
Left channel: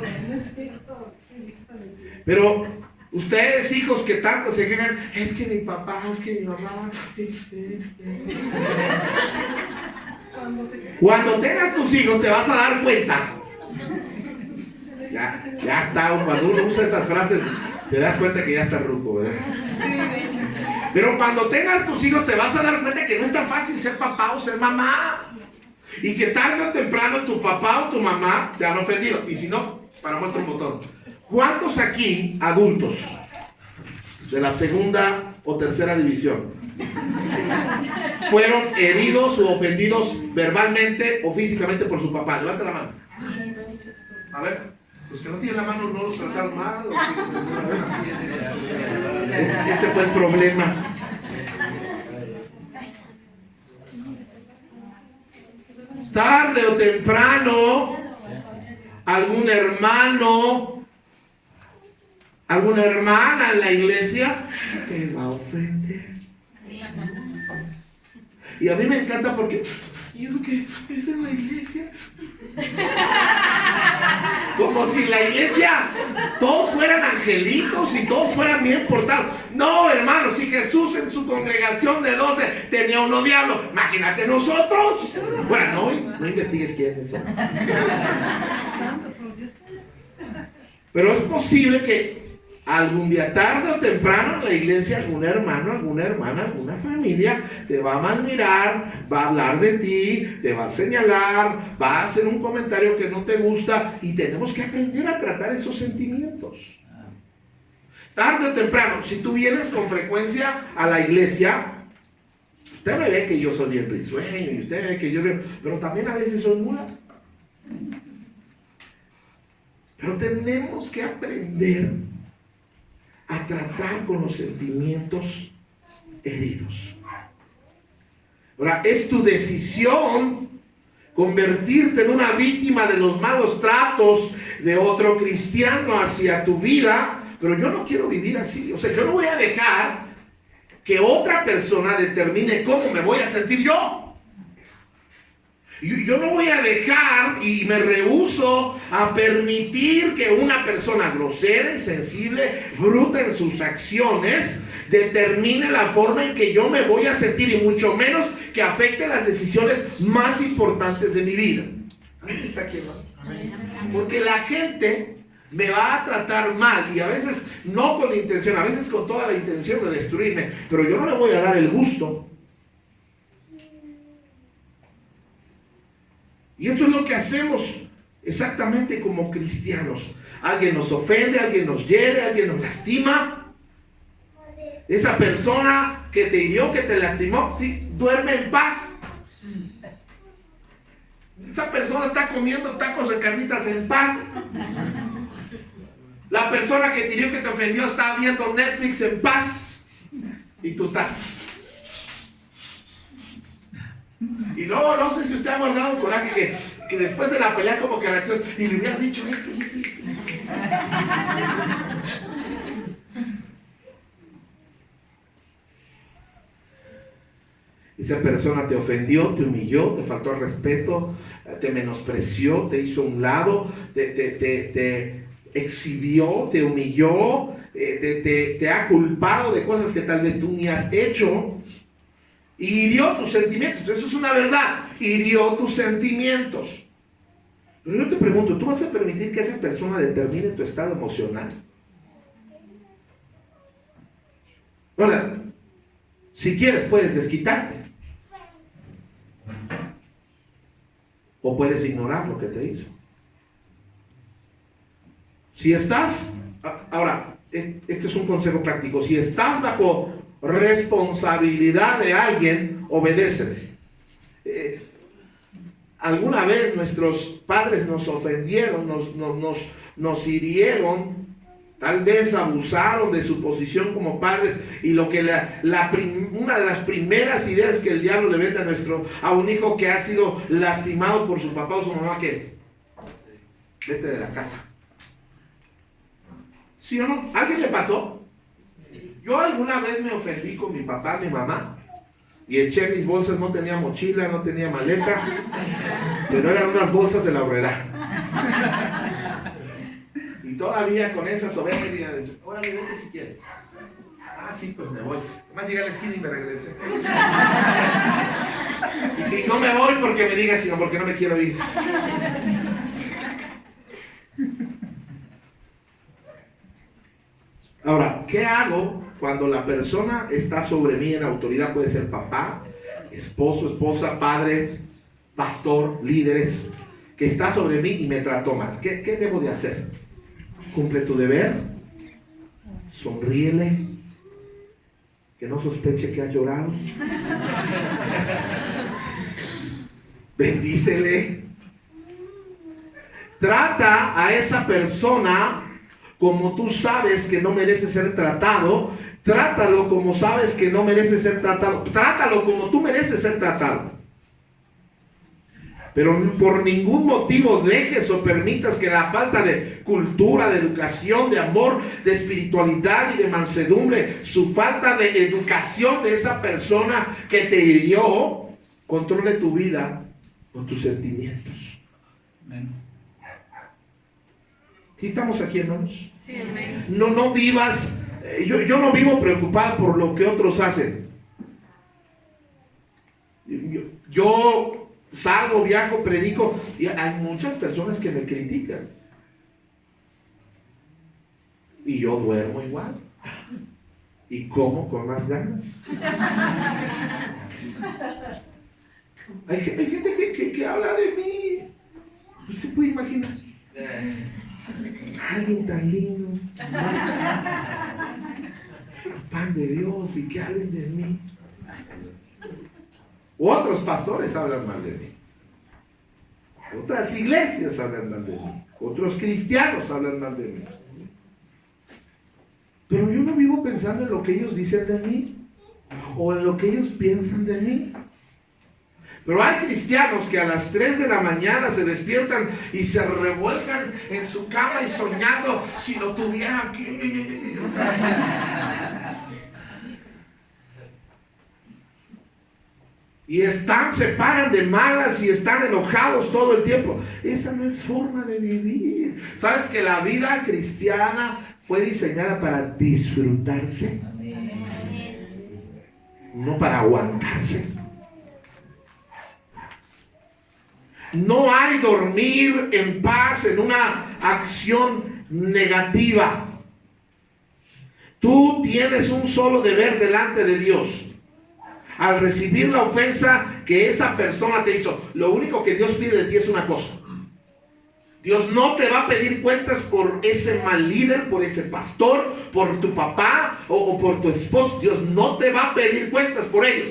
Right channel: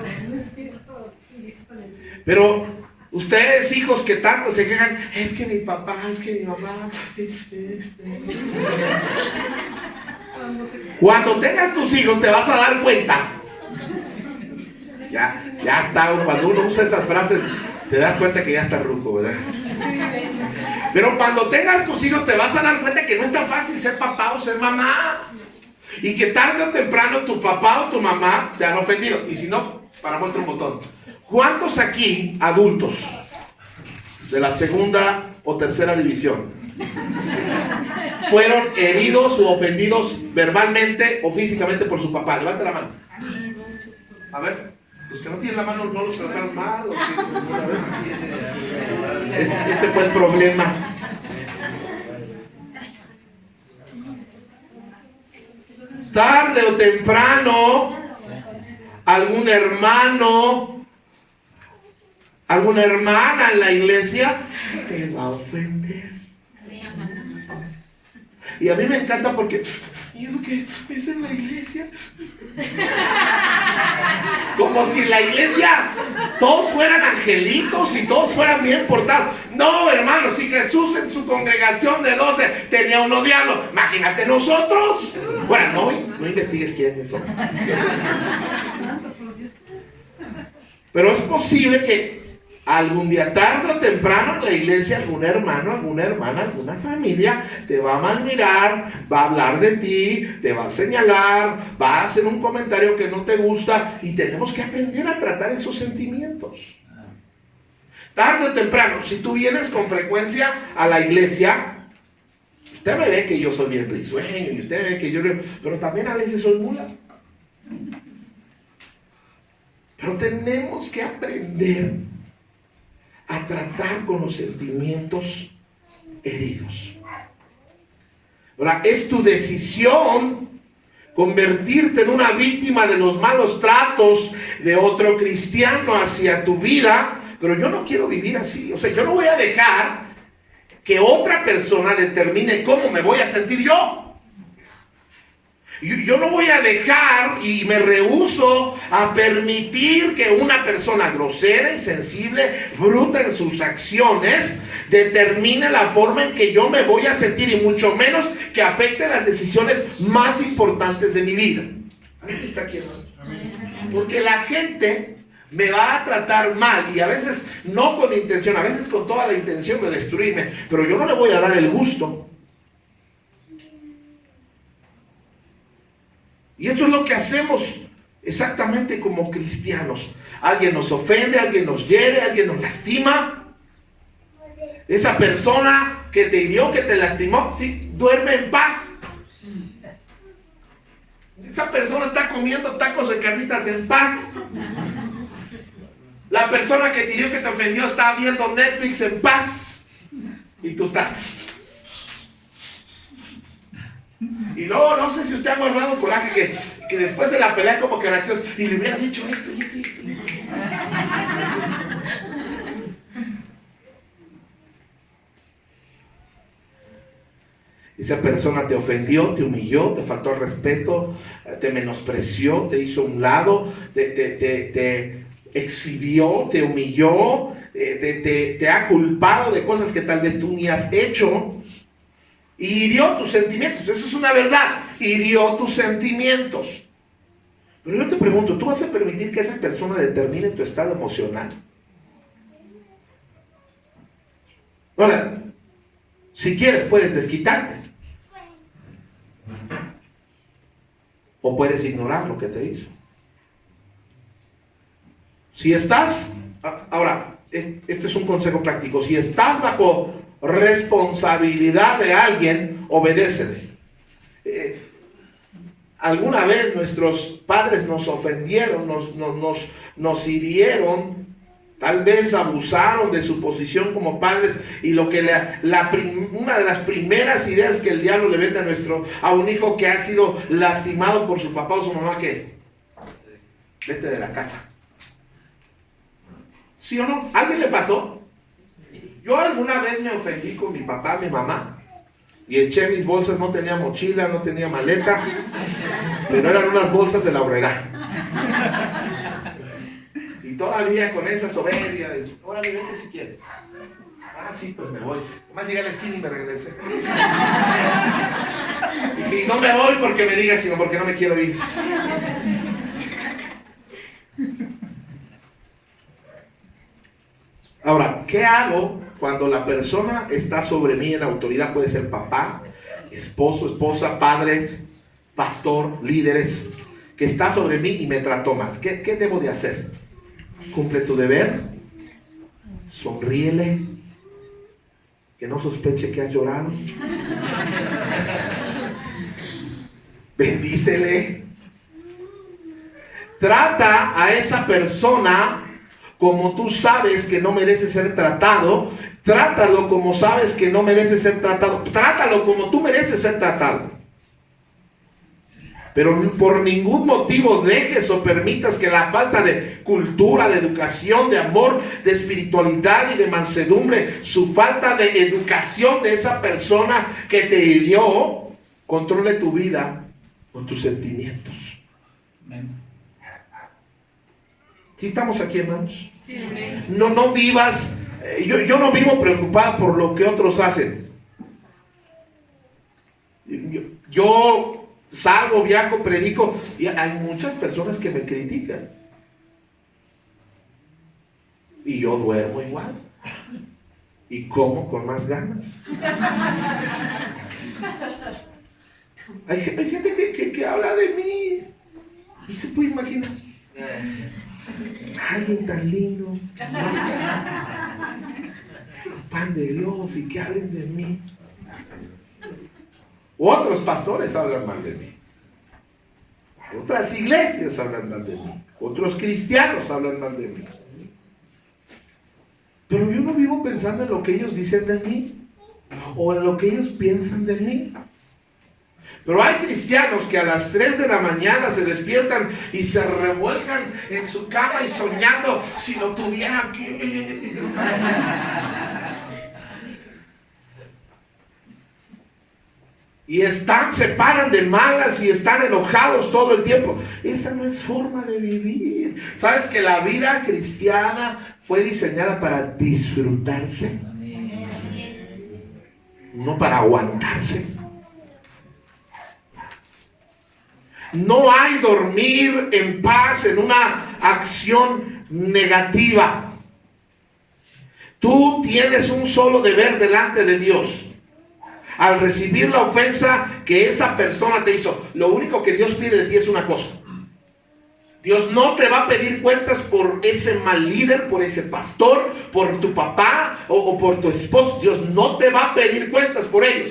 Pero ustedes, hijos que tanto se quejan, es que mi papá, es que mi mamá. Cuando tengas tus hijos te vas a dar cuenta. Ya está, cuando uno usa esas frases te das cuenta que ya está ruco, ¿verdad? Pero cuando tengas tus hijos te vas a dar cuenta que no es tan fácil ser papá o ser mamá. Y que tarde o temprano tu papá o tu mamá te han ofendido. Y si no, para muestra un botón. ¿Cuántos aquí, adultos, de la segunda o tercera división, fueron heridos o ofendidos verbalmente o físicamente por su papá? Levanta la mano. A ver. Los que no tienen la mano no los trataron mal. Ese fue el problema. Tarde o temprano, algún hermano, alguna hermana en la iglesia te va a ofender. Y a mí me encanta porque, ¿y eso qué? ¿Es en la iglesia? Como si en la iglesia todos fueran angelitos y todos fueran bien portados. No, hermano, si Jesús en su congregación de 12 tenía uno diablo, imagínate nosotros. Bueno, no investigues quiénes son. Pero es posible que algún día, tarde o temprano, en la iglesia, algún hermano, alguna hermana, alguna familia te va a malmirar, va a hablar de ti, te va a señalar, va a hacer un comentario que no te gusta, y tenemos que aprender a tratar esos sentimientos. Tarde o temprano, si tú vienes con frecuencia a la iglesia, usted me ve que yo soy bien risueño y usted ve que yo, pero también a veces soy mula. Pero tenemos que aprender a tratar con los sentimientos heridos. Ahora, es tu decisión convertirte en una víctima de los malos tratos de otro cristiano hacia tu vida, pero yo no quiero vivir así. O sea, yo no voy a dejar que otra persona determine cómo me voy a sentir yo. Yo no voy a dejar y me rehúso a permitir que una persona grosera, insensible, bruta en sus acciones, determine la forma en que yo me voy a sentir, y mucho menos que afecte las decisiones más importantes de mi vida. ¿Alguien está aquí, hermano? Porque la gente me va a tratar mal, y a veces no con intención, a veces con toda la intención de destruirme, pero yo no le voy a dar el gusto. Y esto es lo que hacemos exactamente como cristianos. Alguien nos ofende, alguien nos hiere, alguien nos lastima. Esa persona que te hirió, que te lastimó, sí, duerme en paz. Esa persona está comiendo tacos de carnitas en paz. La persona que te hirió, que te ofendió, está viendo Netflix en paz. Y tú estás... Y luego, no sé si usted ha guardado coraje que después de la pelea como que reaccionas y le hubiera dicho esto y esto y esto. Esa persona te ofendió, te humilló, te faltó el respeto, te menospreció, te hizo a un lado, te exhibió, te humilló, te ha culpado de cosas que tal vez tú ni has hecho. Y hirió tus sentimientos. Eso es una verdad. Hirió tus sentimientos. Pero yo te pregunto, ¿tú vas a permitir que esa persona determine tu estado emocional? Ahora, si quieres puedes desquitarte. O puedes ignorar lo que te hizo. Si estás... Ahora, este es un consejo práctico. Si estás bajo responsabilidad de alguien, obedécele. Alguna vez nuestros padres nos ofendieron, nos hirieron, tal vez abusaron de su posición como padres, y lo que una de las primeras ideas que el diablo le vende a un hijo que ha sido lastimado por su papá o su mamá, ¿qué es? Vete de la casa. ¿Sí o no? ¿A alguien le pasó? Yo alguna vez me ofendí con mi papá, mi mamá, y eché mis bolsas, no tenía mochila, no tenía maleta, pero eran unas bolsas de la Aurrera. Y todavía con esa soberbia, órale, vete si quieres. Ah, sí, pues me voy. Además llegué a la esquina y me regresé. Y no me voy porque me digas, sino porque no me quiero ir. Ahora, ¿qué hago cuando la persona está sobre mí en autoridad? Puede ser papá, esposo, esposa, padres, pastor, líderes, que está sobre mí y me trató mal. ¿Qué debo de hacer? Cumple tu deber, sonríele, que no sospeche que has llorado, bendícele, trata a esa persona como tú sabes que no merece ser tratado, trátalo como sabes que no merece ser tratado, trátalo como tú mereces ser tratado. Pero por ningún motivo dejes o permitas que la falta de cultura, de educación, de amor, de espiritualidad y de mansedumbre, su falta de educación de esa persona que te hirió, controle tu vida con tus sentimientos. Amén. ¿Sí estamos aquí, hermanos? Sí, amén. No vivas, yo no vivo preocupado por lo que otros hacen. Yo salgo, viajo, predico y hay muchas personas que me critican. Y yo duermo igual. Y como con más ganas. Hay gente que habla de mí. ¿Usted puede imaginar? Alguien tan lindo, pan de Dios, y que hablen de mí. Otros pastores hablan mal de mí. Otras iglesias hablan mal de mí. Otros cristianos hablan mal de mí. Pero yo no vivo pensando en lo que ellos dicen de mí o en lo que ellos piensan de mí. Pero hay cristianos que a las 3 de la mañana se despiertan y se revuelcan en su cama y soñando si lo tuviera aquí. Y se paran de malas y están enojados todo el tiempo. Esa no es forma de vivir. ¿Sabes que la vida cristiana fue diseñada para disfrutarse? No para aguantarse. No hay dormir en paz en una acción negativa. Tú tienes un solo deber delante de Dios. Al recibir la ofensa que esa persona te hizo, lo único que Dios pide de ti es una cosa. Dios no te va a pedir cuentas por ese mal líder, por ese pastor, por tu papá o por tu esposo. Dios no te va a pedir cuentas por ellos.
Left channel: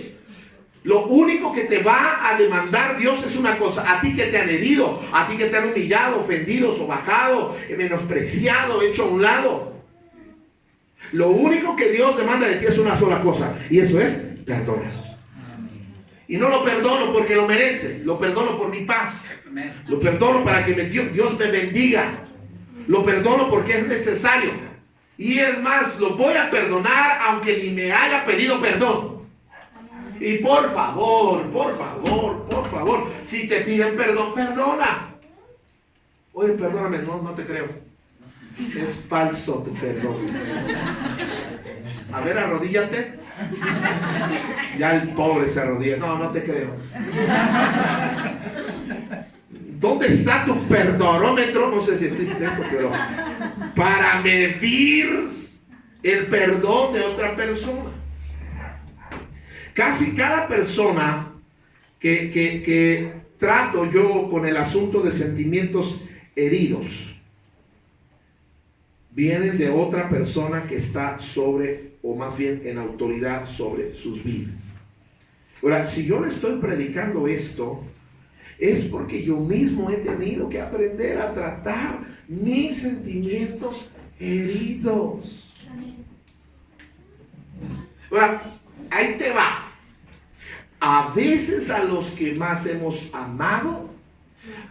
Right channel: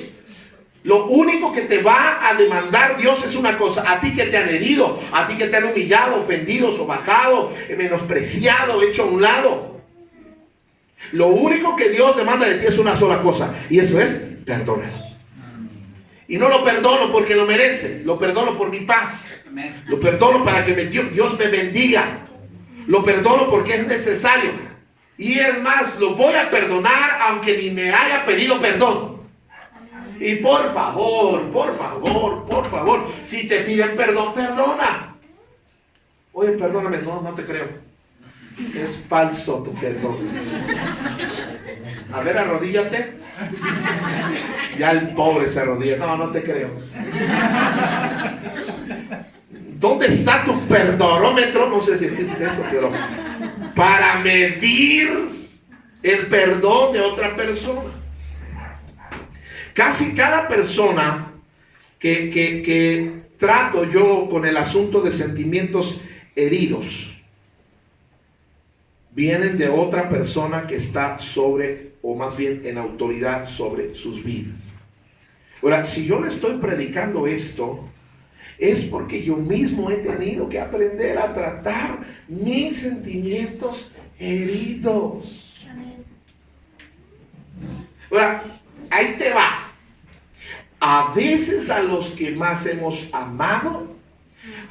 Lo único que te va a demandar Dios es una cosa: a ti que te han herido, a ti que te han humillado, ofendido, sobajado, menospreciado, hecho a un lado. Lo único que Dios demanda de ti es una sola cosa, y eso es perdonar. Y no lo perdono porque lo merece, lo perdono por mi paz. Lo perdono para que Dios me bendiga. Lo perdono porque es necesario. Y es más, lo voy a perdonar aunque ni me haya pedido perdón. Y por favor, si te piden perdón, perdona. Oye, perdóname, no te creo. Es falso tu perdón. A ver, arrodíllate. Ya el pobre se arrodilla. No te creo. ¿Dónde está tu perdonómetro? No sé si existe eso, pero para medir el perdón de otra persona. Casi cada persona que trato yo con el asunto de sentimientos heridos vienen de otra persona que está sobre, o más bien en autoridad sobre sus vidas. Ahora, si yo le estoy predicando esto, es porque yo mismo he tenido que aprender a tratar mis sentimientos heridos. Ahora, ahí te va. A veces a los que más hemos amado,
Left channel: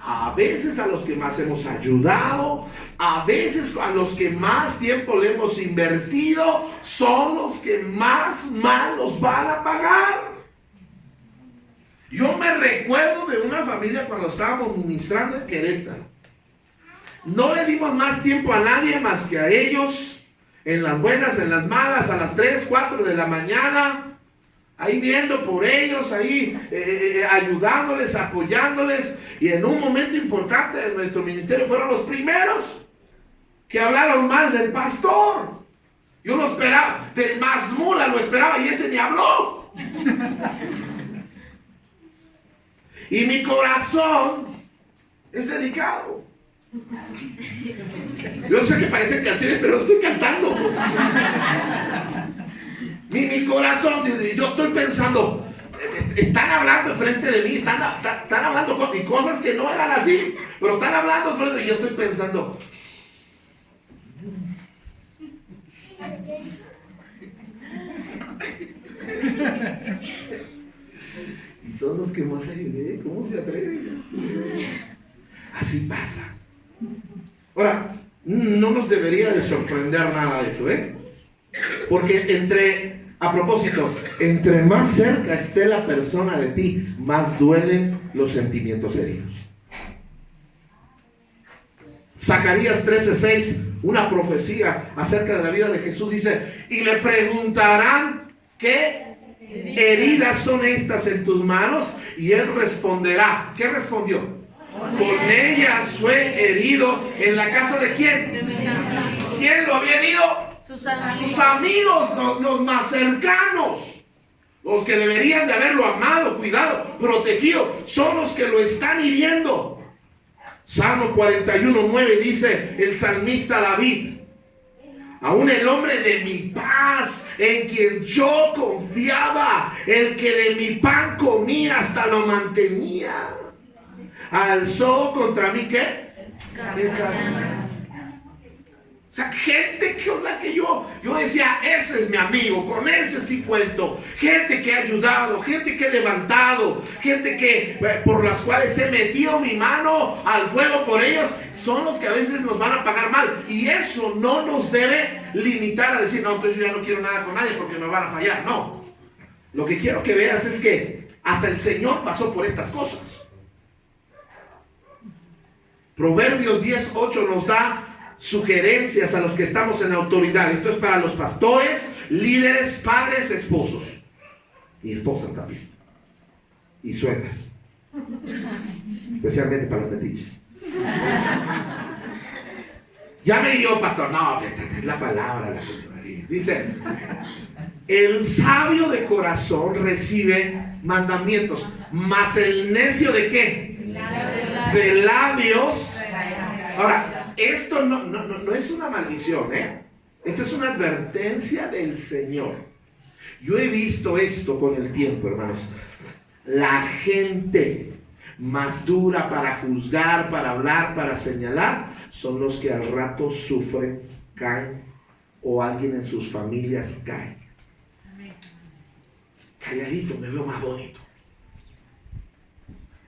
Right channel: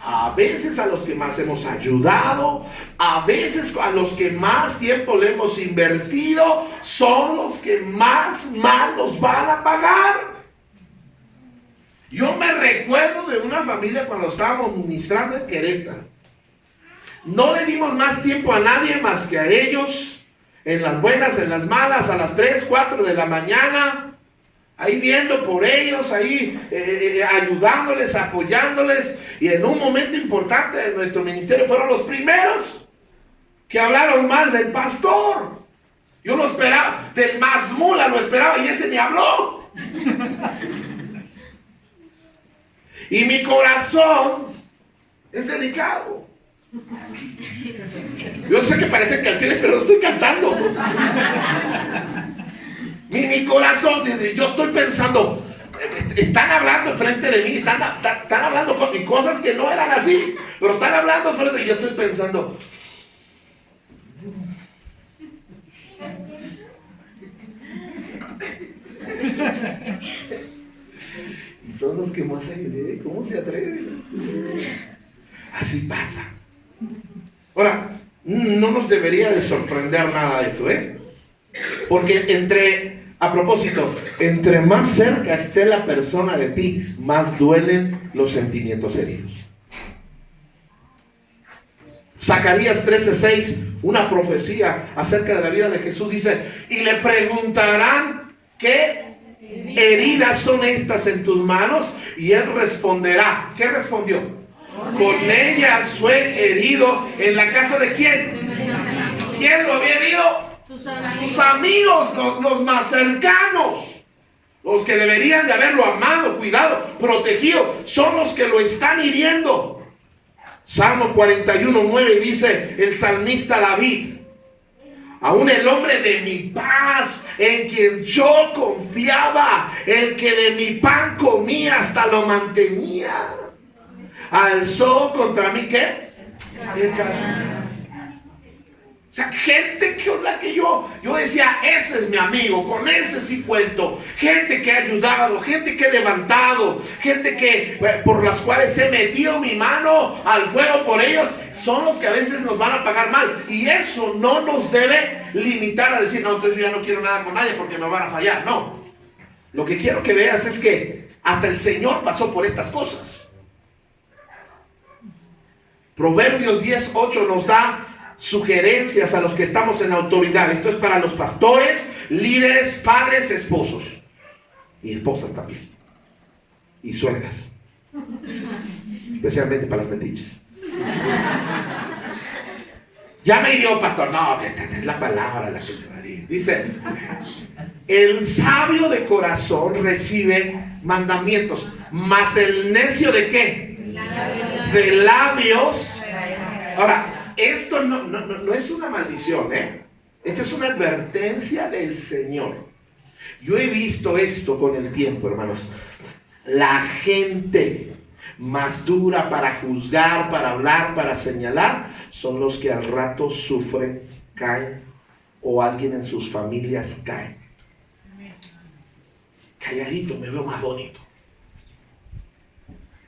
a veces a los que más hemos ayudado, a veces a los que más tiempo le hemos invertido son los que más mal nos van a pagar. Yo me recuerdo de una familia cuando estábamos ministrando en Querétaro. No le dimos más tiempo a nadie más que a ellos, en las buenas, en las malas, a las 3, 4 de la mañana, ahí viendo por ellos, ahí ayudándoles, apoyándoles. Y en un momento importante de nuestro ministerio fueron los primeros que hablaron mal del pastor. Yo lo esperaba, del más mula lo esperaba y ese ni habló. Y mi corazón es delicado. Yo sé que parecen canciones, pero estoy cantando. Mi corazón, yo estoy pensando, están hablando enfrente de mí, están hablando cosas que no eran así, pero están hablando enfrente de mí. Yo estoy pensando, y son los que más ayudé. ¿Cómo se atreven? Así pasa. Ahora, no nos debería de sorprender nada eso, porque a propósito, entre más cerca esté la persona de ti, más duelen los sentimientos heridos. Zacarías 13:6, una profecía acerca de la vida de Jesús, dice: y le preguntarán, ¿qué heridas son estas en tus manos? Y él responderá. ¿Qué respondió? Con ellas fue herido. ¿En la casa de quién? ¿Quién lo había herido? Sus amigos, los más cercanos, los que deberían de haberlo amado, cuidado, protegido, son los que lo están hiriendo. Salmo 41:9 dice el salmista David: aún el hombre de mi paz, en quien yo confiaba, el que de mi pan comía hasta lo mantenía, alzó contra mí, ¿qué? El camino. O sea, gente con la que yo decía, ese es mi amigo, con ese sí cuento. Gente que ha ayudado, gente que he levantado, gente que por las cuales he metido mi mano al fuego por ellos, son los que a veces nos van a pagar mal. Y eso no nos debe limitar a decir, no, entonces yo ya no quiero nada con nadie porque me van a fallar. No. Lo que quiero que veas es que hasta el Señor pasó por estas cosas. Proverbios 10:8 nos da sugerencias a los que estamos en autoridad. Esto es para los pastores, líderes, padres, esposos y esposas también, y suegras, especialmente para las metiches. Ya me dio, pastor. No, es la palabra la que te va a decir. Dice: el sabio de corazón recibe mandamientos, mas el necio ¿de qué? De labios. Ahora, esto no es una maldición, esto es una advertencia del Señor. Yo he visto esto con el tiempo, hermanos. La gente más dura para juzgar, para hablar, para señalar, son los que al rato sufren, caen, o alguien en sus familias cae. Calladito me veo más bonito.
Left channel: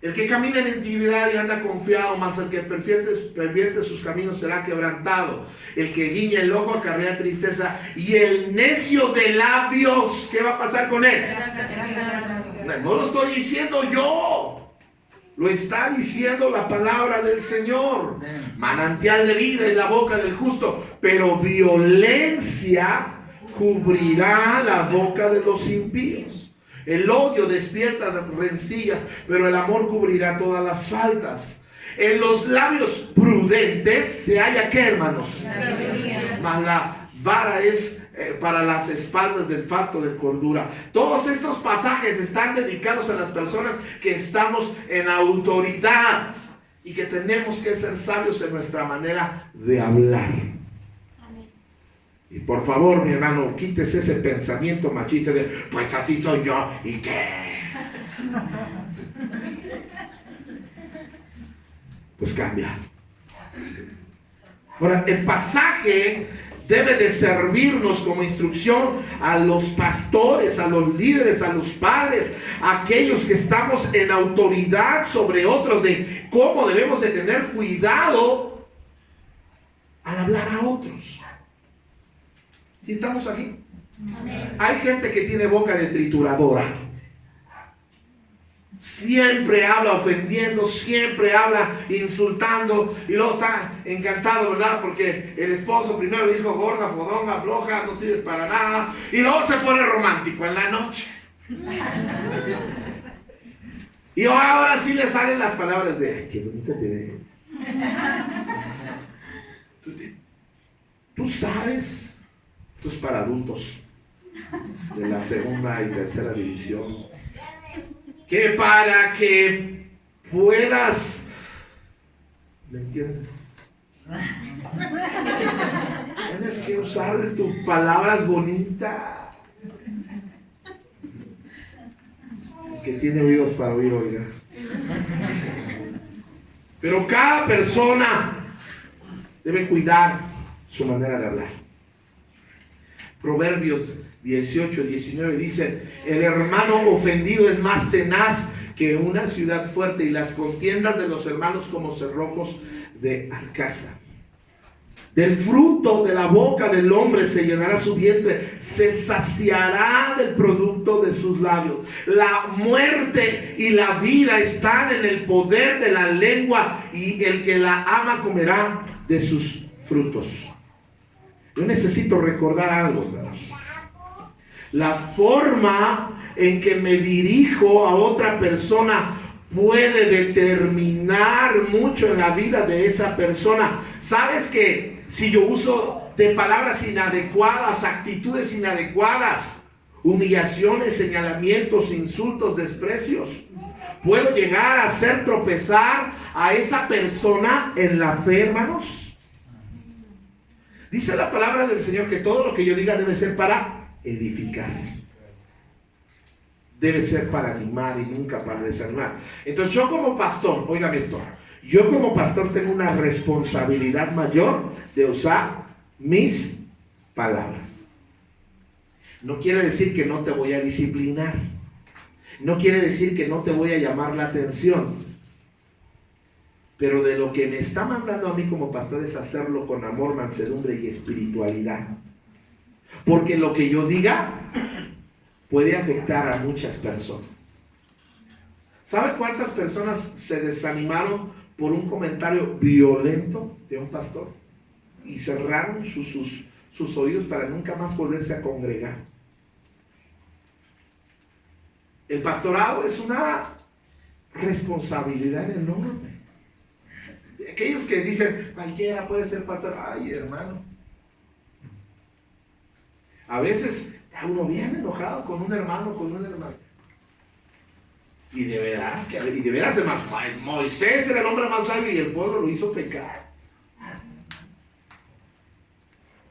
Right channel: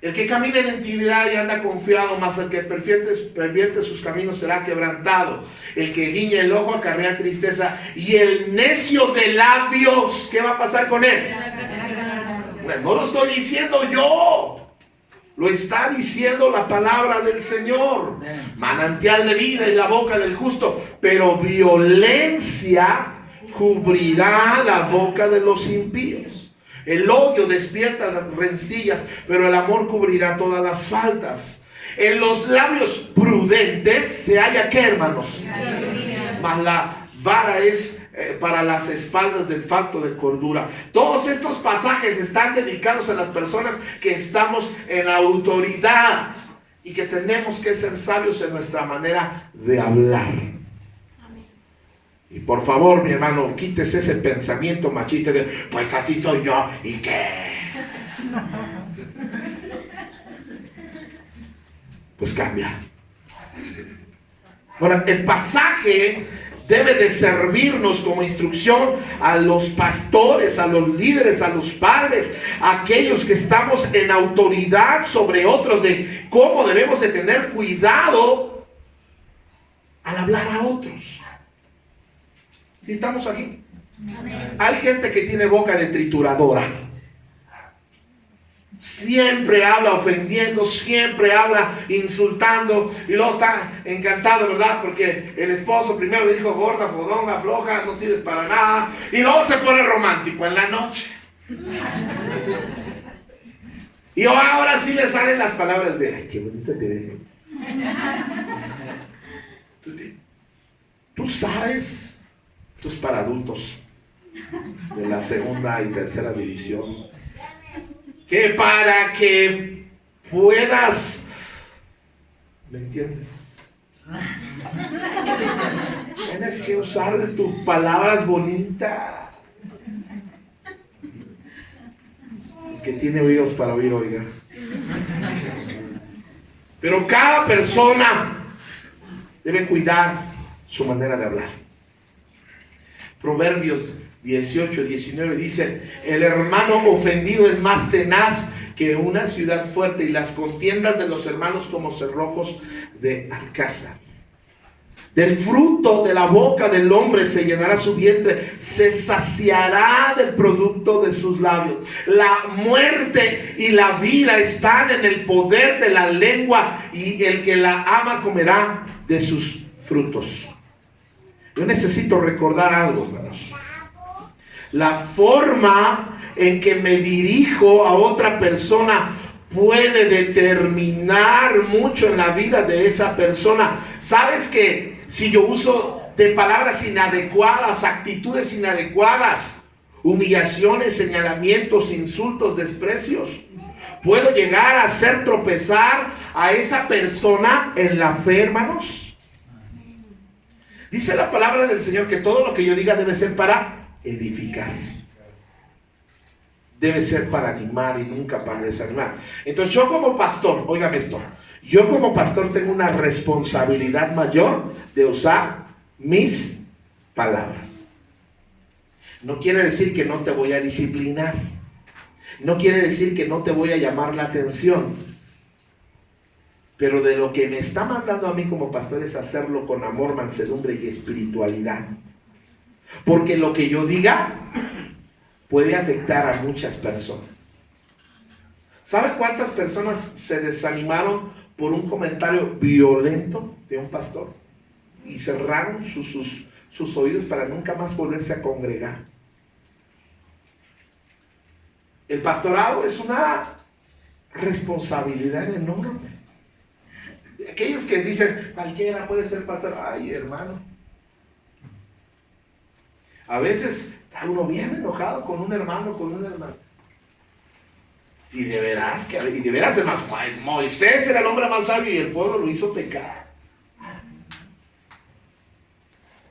El que camina en intimidad y anda confiado, más el que pervierte sus caminos será quebrantado. El que guiña el ojo acarrea tristeza, y el necio de labios, ¿qué va a pasar con él? No lo estoy diciendo yo, lo está diciendo la palabra del Señor. Manantial de vida en la boca del justo, pero violencia cubrirá la boca de los impíos. El odio despierta rencillas, pero el amor cubrirá todas las faltas. En los labios prudentes se halla, ¿qué, hermanos? Mas la vara es para las espaldas del falto de cordura. Todos estos pasajes están dedicados a las personas que estamos en autoridad y que tenemos que ser sabios en nuestra manera de hablar. Y por favor, mi hermano, quítese ese pensamiento machista de, pues así soy yo, ¿y qué? Pues cambia. Ahora, el pasaje debe de servirnos como instrucción a los pastores, a los líderes, a los padres, a aquellos que estamos en autoridad sobre otros, de cómo debemos de tener cuidado hablar a otros. ¿Sí estamos aquí? Amén. Hay gente que tiene boca de trituradora. Siempre habla ofendiendo, siempre habla insultando, y luego está encantado, ¿verdad? Porque el esposo primero le dijo gorda, fodonga, floja, no sirves para nada, y luego se pone romántico en la noche. Y ahora sí le salen las palabras de, ay, qué bonita te veo. Tú sabes, esto es para adultos de la segunda y tercera división, que para que puedas, ¿me entiendes? Tienes que usar de tus palabras bonitas. Que tiene oídos para oír, oiga. Pero cada persona debe cuidar su manera de hablar. Proverbios 18-19 dice: el hermano ofendido es más tenaz que una ciudad fuerte, y las contiendas de los hermanos como cerrojos de alcázar. Del fruto de la boca del hombre se llenará su vientre, se saciará del producto de sus labios. La muerte y la vida están en el poder de la lengua, y el que la ama comerá de sus frutos. Yo necesito recordar algo, hermanos. La forma en que me dirijo a otra persona puede determinar mucho en la vida de esa persona. ¿Sabes que si yo uso de palabras inadecuadas, actitudes inadecuadas, humillaciones, señalamientos, insultos, desprecios, puedo llegar a hacer tropezar a esa persona en la fe, hermanos? Dice la palabra del Señor que todo lo que yo diga debe ser para edificar. Debe ser para animar y nunca para desanimar. Entonces yo como pastor, óigame esto, yo como pastor tengo una responsabilidad mayor de usar mis palabras. No quiere decir que no te voy a disciplinar. No quiere decir que no te voy a llamar la atención. Pero de lo que me está mandando a mí como pastor es hacerlo con amor, mansedumbre y espiritualidad. Porque lo que yo diga puede afectar a muchas personas. ¿Sabe cuántas personas se desanimaron por un comentario violento de un pastor? Y cerraron sus oídos para nunca más volverse a congregar. El pastorado es una responsabilidad enorme. Aquellos que dicen, cualquiera puede ser pastor. Ay, hermano. A veces está uno bien enojado con un hermano, Y de veras, hermano, Moisés era el hombre más sabio y el pueblo lo hizo pecar.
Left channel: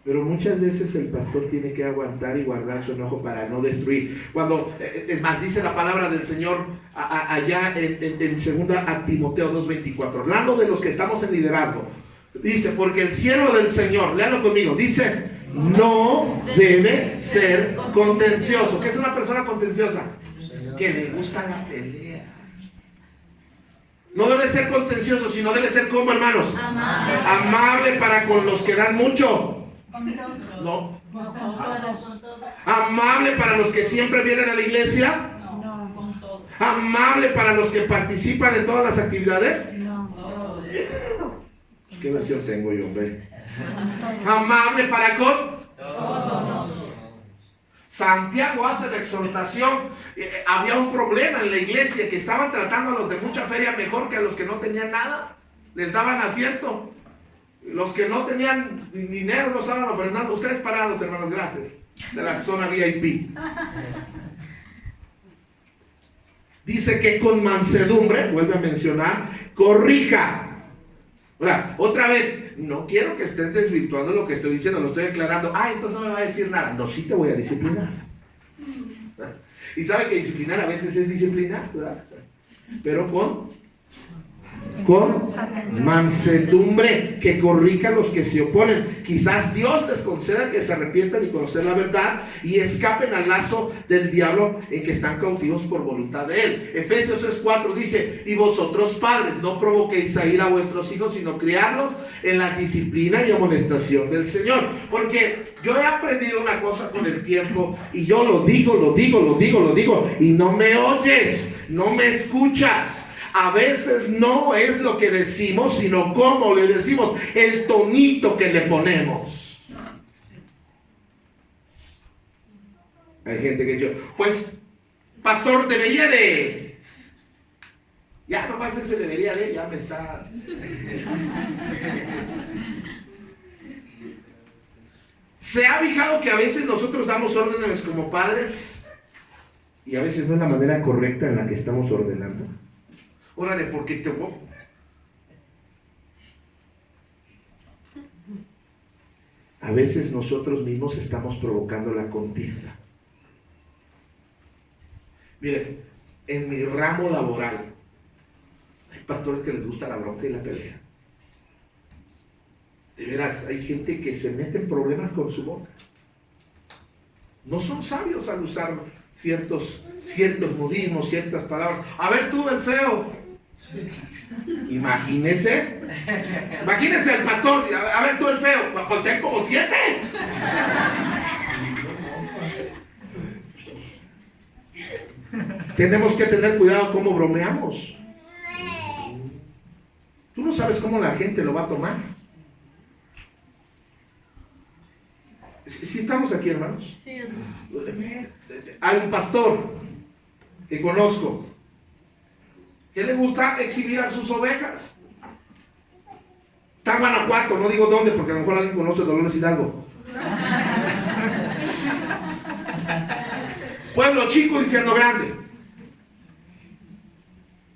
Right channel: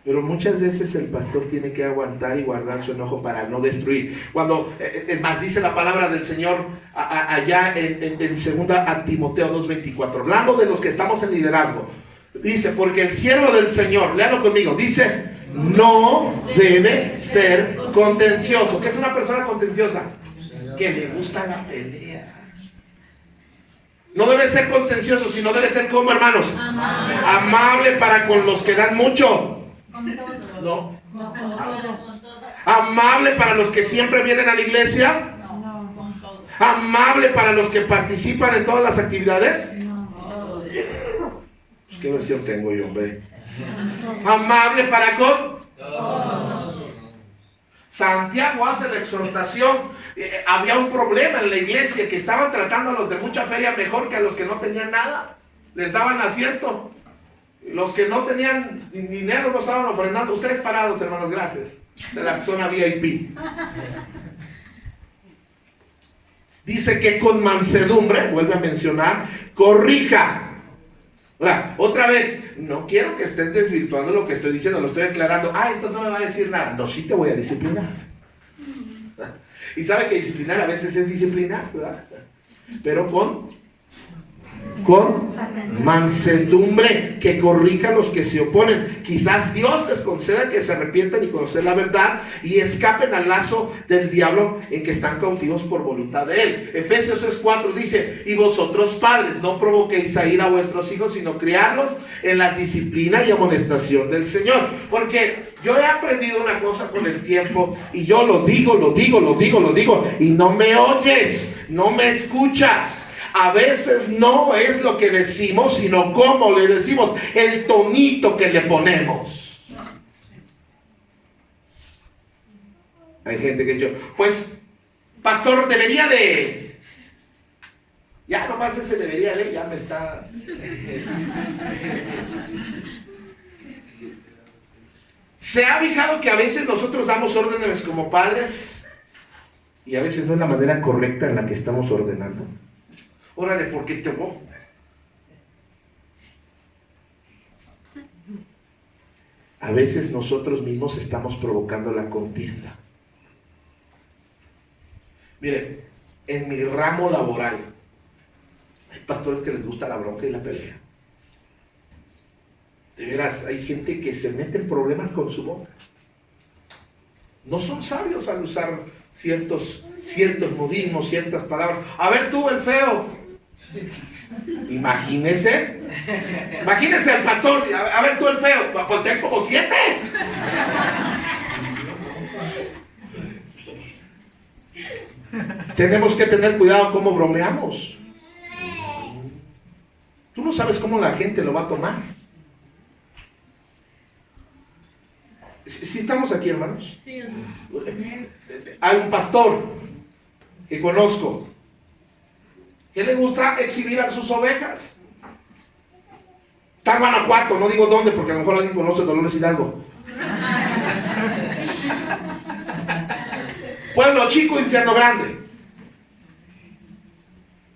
Pero muchas veces el pastor tiene que aguantar y guardar su enojo para no destruir. Cuando, es más, dice la palabra del Señor allá en 2 Timoteo 2:24, hablando de los que estamos en liderazgo. Dice, porque el siervo del Señor, léalo conmigo, dice, no debe ser contencioso. ¿Qué es una persona contenciosa? Que le gusta la pelea. No debe ser contencioso, sino debe ser como, hermanos, amable para con los que dan mucho. No. Amable para los que siempre vienen a la iglesia. Amable para los que participan en todas las actividades. ¿Qué versión tengo yo, hombre? Amable para con todos. Santiago hace la exhortación. Había un problema en la iglesia, que estaban tratando a los de mucha feria mejor que a los que no tenían nada. Les daban asiento. Los que no tenían dinero no estaban ofrendando. Ustedes parados, hermanos, gracias. De la zona VIP. Dice que con mansedumbre, vuelve a mencionar, corrija. Ahora, otra vez, no quiero que estés desvirtuando lo que estoy diciendo, lo estoy aclarando. Entonces no me va a decir nada. No, sí te voy a disciplinar. Y sabe que disciplinar a veces es disciplinar, ¿verdad? Pero con con mansedumbre, que corrija a los que se oponen. Quizás Dios les conceda que se arrepientan y conozcan la verdad y escapen al lazo del diablo en que están cautivos por voluntad de él. Efesios 6:4 dice: y vosotros padres, no provoquéis a ira a vuestros hijos, sino criadlos en la disciplina y amonestación del Señor. Porque yo he aprendido una cosa con el tiempo, y yo lo digo, y no me oyes, no me escuchas. A veces no es lo que decimos, sino cómo le decimos, el tonito que le ponemos. Hay gente que dice: pues, pastor, debería de... Ya nomás ese debería de, ya me está... ¿Se ha fijado que a veces nosotros damos órdenes como padres y a veces no es la manera correcta en la que estamos ordenando? Órale, ¿por qué te voy? A veces nosotros mismos estamos provocando la contienda. Miren, en mi ramo laboral hay pastores que les gusta la bronca y la pelea. De veras, hay gente que se mete en problemas con su boca. No son sabios al usar ciertos modismos, ciertas palabras. A ver tú, el feo. Imagínese el pastor. A ver tú, el feo. Conté como 7. Tenemos que tener cuidado cómo bromeamos. Tú no sabes cómo la gente lo va a tomar. ¿Sí estamos aquí, hermanos? Sí. Hay un pastor que conozco que le gusta exhibir a sus ovejas. Está en Guanajuato, no digo dónde, porque a lo mejor alguien conoce Dolores Hidalgo. Pueblo chico, infierno grande.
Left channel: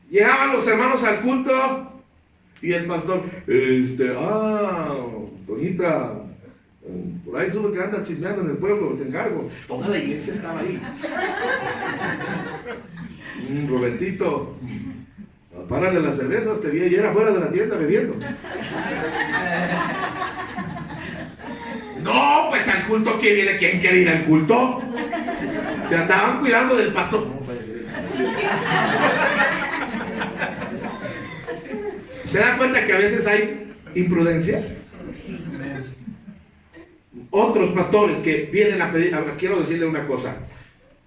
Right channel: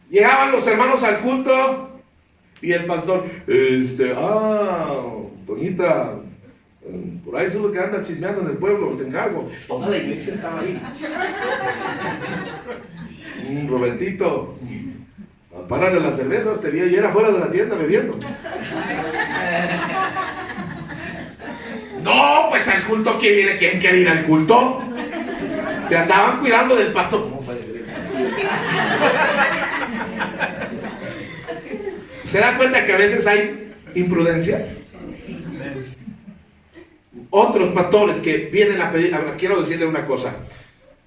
Llegaban los hermanos al culto y el pastor, Toñita, por ahí sube que anda chismeando en el pueblo, te encargo. Toda la iglesia estaba ahí. Robertito, párale las cervezas, te vi ayer afuera de la tienda bebiendo. No, pues al culto, ¿quién viene? ¿Quién quiere ir al culto? Se andaban cuidando del pastor. ¿Cómo puede creer? ¿Se da cuenta que a veces hay imprudencia? Otros pastores que vienen a pedir, ahora quiero decirle una cosa.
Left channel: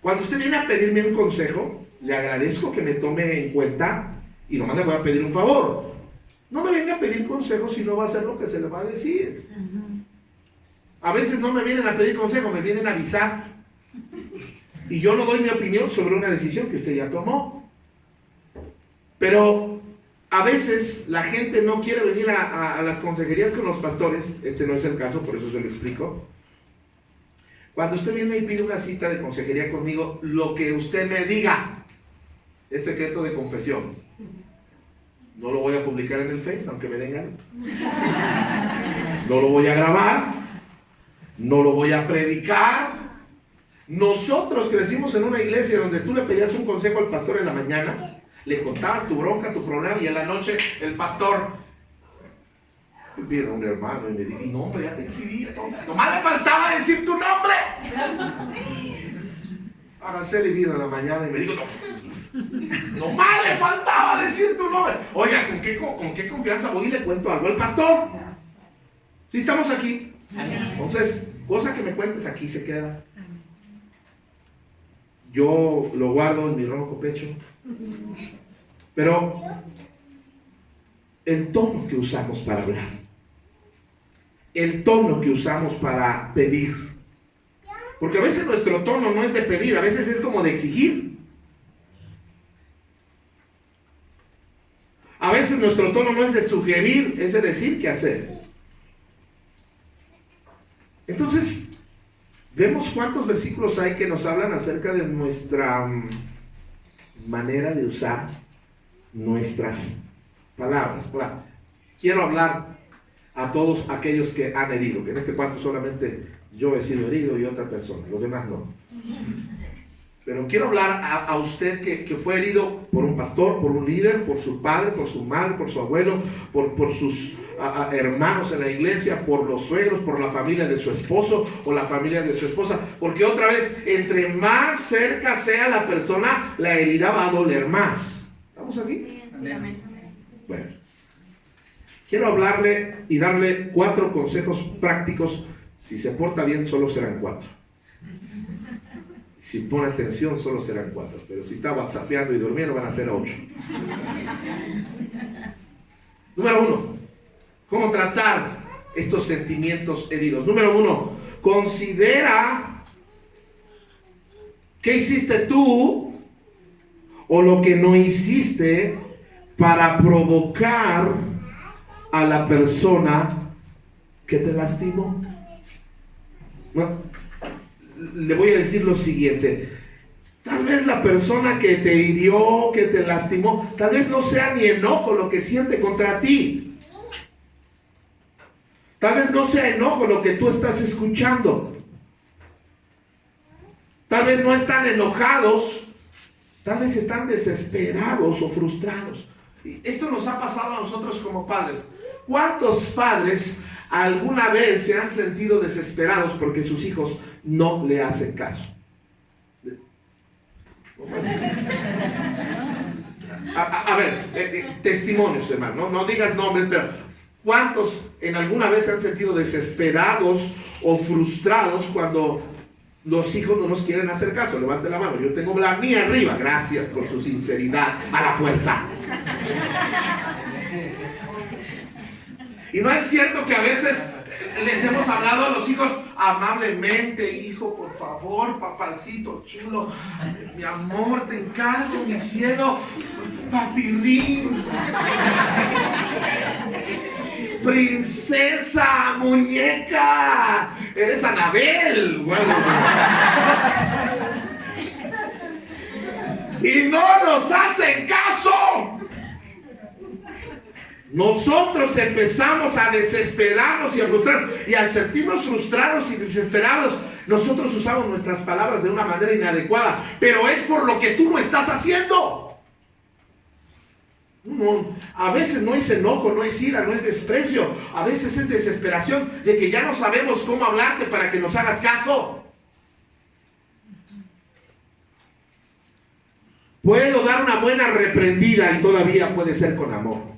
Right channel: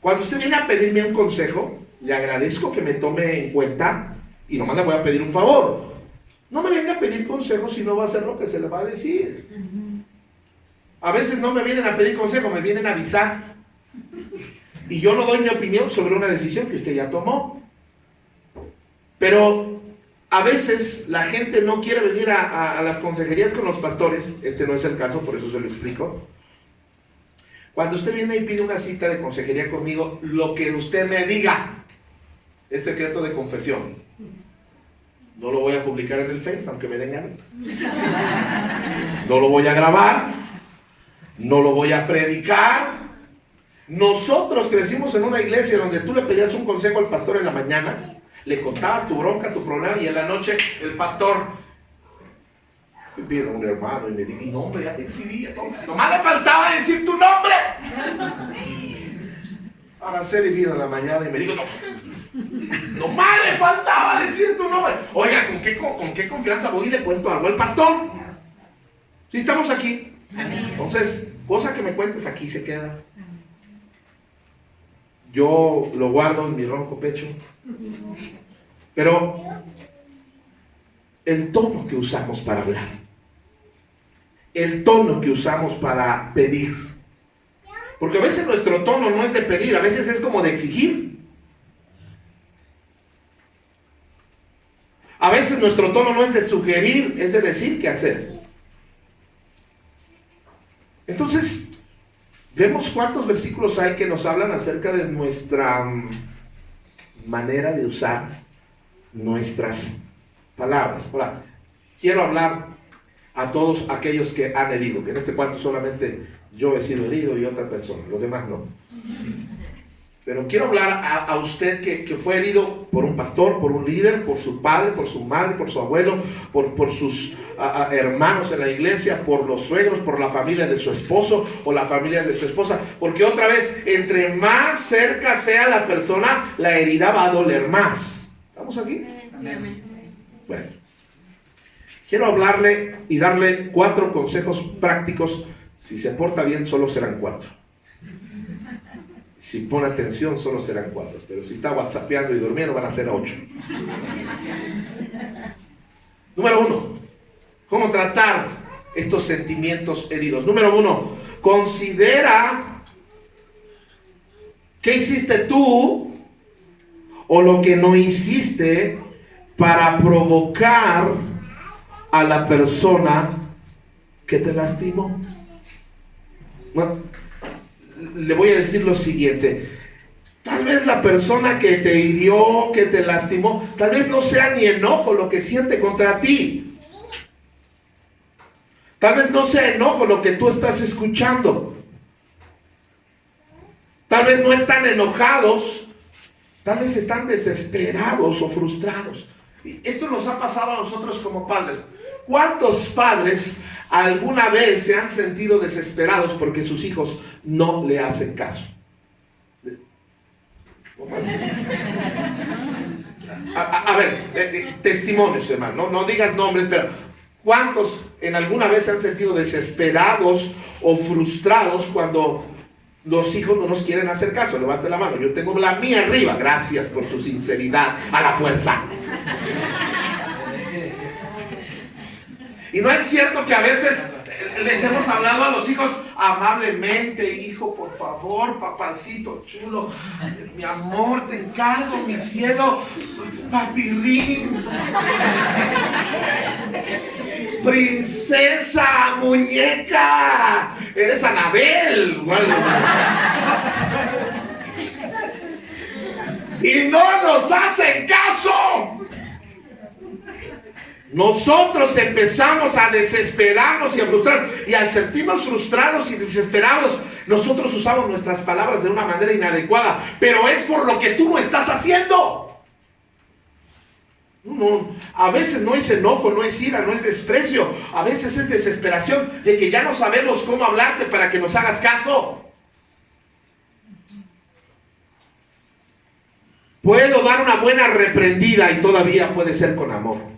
Cuando usted viene a pedirme un consejo, le agradezco que me tome en cuenta y nomás le voy a pedir un favor. No me venga a pedir consejo si no va a hacer lo que se le va a decir. A veces no me vienen a pedir consejo, me vienen a avisar. Y yo no doy mi opinión sobre una decisión que usted ya tomó. Pero a veces la gente no quiere venir a las consejerías con los pastores. Este no es el caso, por eso se lo explico. Cuando usted viene y pide una cita de consejería conmigo, lo que usted me diga es secreto de confesión. No lo voy a publicar en el Face, aunque me den ganas. No lo voy a grabar. No lo voy a predicar. Nosotros crecimos en una iglesia donde tú le pedías un consejo al pastor en la mañana, le contabas tu bronca, tu problema, y en la noche el pastor vino un hermano y me dijo, y no, hombre, ya te exhibía, nomás le faltaba decir tu nombre. Araceli vino en la mañana y me dijo, nomás le faltaba decir tu nombre. Oiga, ¿con qué confianza voy y le cuento algo al pastor? ¿Sí estamos aquí? Entonces, cosa que me cuentes aquí se queda. Yo lo guardo en mi ronco pecho. Pero el tono que usamos para hablar, el tono que usamos para pedir, porque a veces nuestro tono no es de pedir, a veces es como de exigir. A veces nuestro tono no es de sugerir, es de decir qué hacer. Entonces, vemos cuántos versículos hay que nos hablan acerca de nuestra manera de usar nuestras palabras. Ahora, quiero hablar a todos aquellos que han herido, que en este cuarto solamente yo he sido herido y otra persona, los demás no. Pero quiero hablar a usted que fue herido por un pastor, por un líder, por su padre, por su madre, por su abuelo, por sus hermanos en la iglesia, por los suegros, por la familia de su esposo o la familia de su esposa. Porque otra vez, entre más cerca sea la persona, la herida va a doler más. ¿Estamos aquí? Amén. Bueno, quiero hablarle y darle 4 consejos prácticos. Si se porta bien, solo serán 4. Si pone atención, solo serán 4. Pero si está whatsappeando y durmiendo, van a ser 8. Número 1. ¿Cómo tratar estos sentimientos heridos? Número 1. Considera qué hiciste tú o lo que no hiciste para provocar a la persona que te lastimó. No. Le voy a decir lo siguiente: tal vez la persona que te hirió, que te lastimó, tal vez no sea ni enojo lo que siente contra ti. Tal vez no sea enojo lo que tú estás escuchando. Tal vez no están enojados, tal vez están desesperados o frustrados. Esto nos ha pasado a nosotros como padres. ¿Cuántos padres alguna vez se han sentido desesperados porque sus hijos no le hacen caso? A ver, testimonios, hermano, no digas nombres, pero ¿cuántos en alguna vez se han sentido desesperados o frustrados cuando los hijos no nos quieren hacer caso? Levante la mano. Yo tengo la mía arriba. Gracias por su sinceridad. A la fuerza. Y no es cierto que a veces les hemos hablado a los hijos amablemente: hijo, por favor, papacito chulo, mi amor, te encargo, mi cielo, papirrín, princesa, muñeca, eres Anabel. Y no nos hacen caso. Nosotros empezamos a desesperarnos y a frustrarnos, y al sentirnos frustrados y desesperados, nosotros usamos nuestras palabras de una manera inadecuada, pero es por lo que tú no estás haciendo. No, a veces no es enojo, no es ira, no es desprecio, a veces es desesperación de que ya no sabemos cómo hablarte para que nos hagas caso. Puedo dar una buena reprendida y todavía puede ser con amor.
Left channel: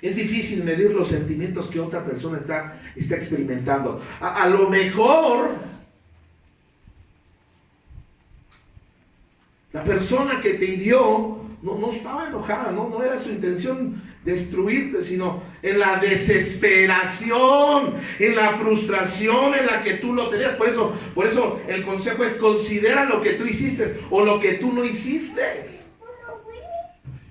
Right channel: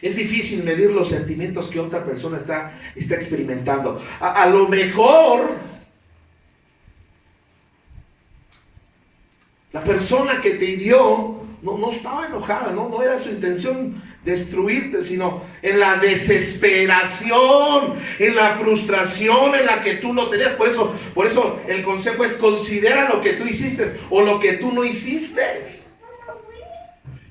Es difícil medir los sentimientos que otra persona está experimentando. A lo mejor la persona que te hirió no estaba enojada, no era su intención destruirte, sino en la desesperación, en la frustración en la que tú no tenías. Por eso el consejo es: considera lo que tú hiciste o lo que tú no hiciste.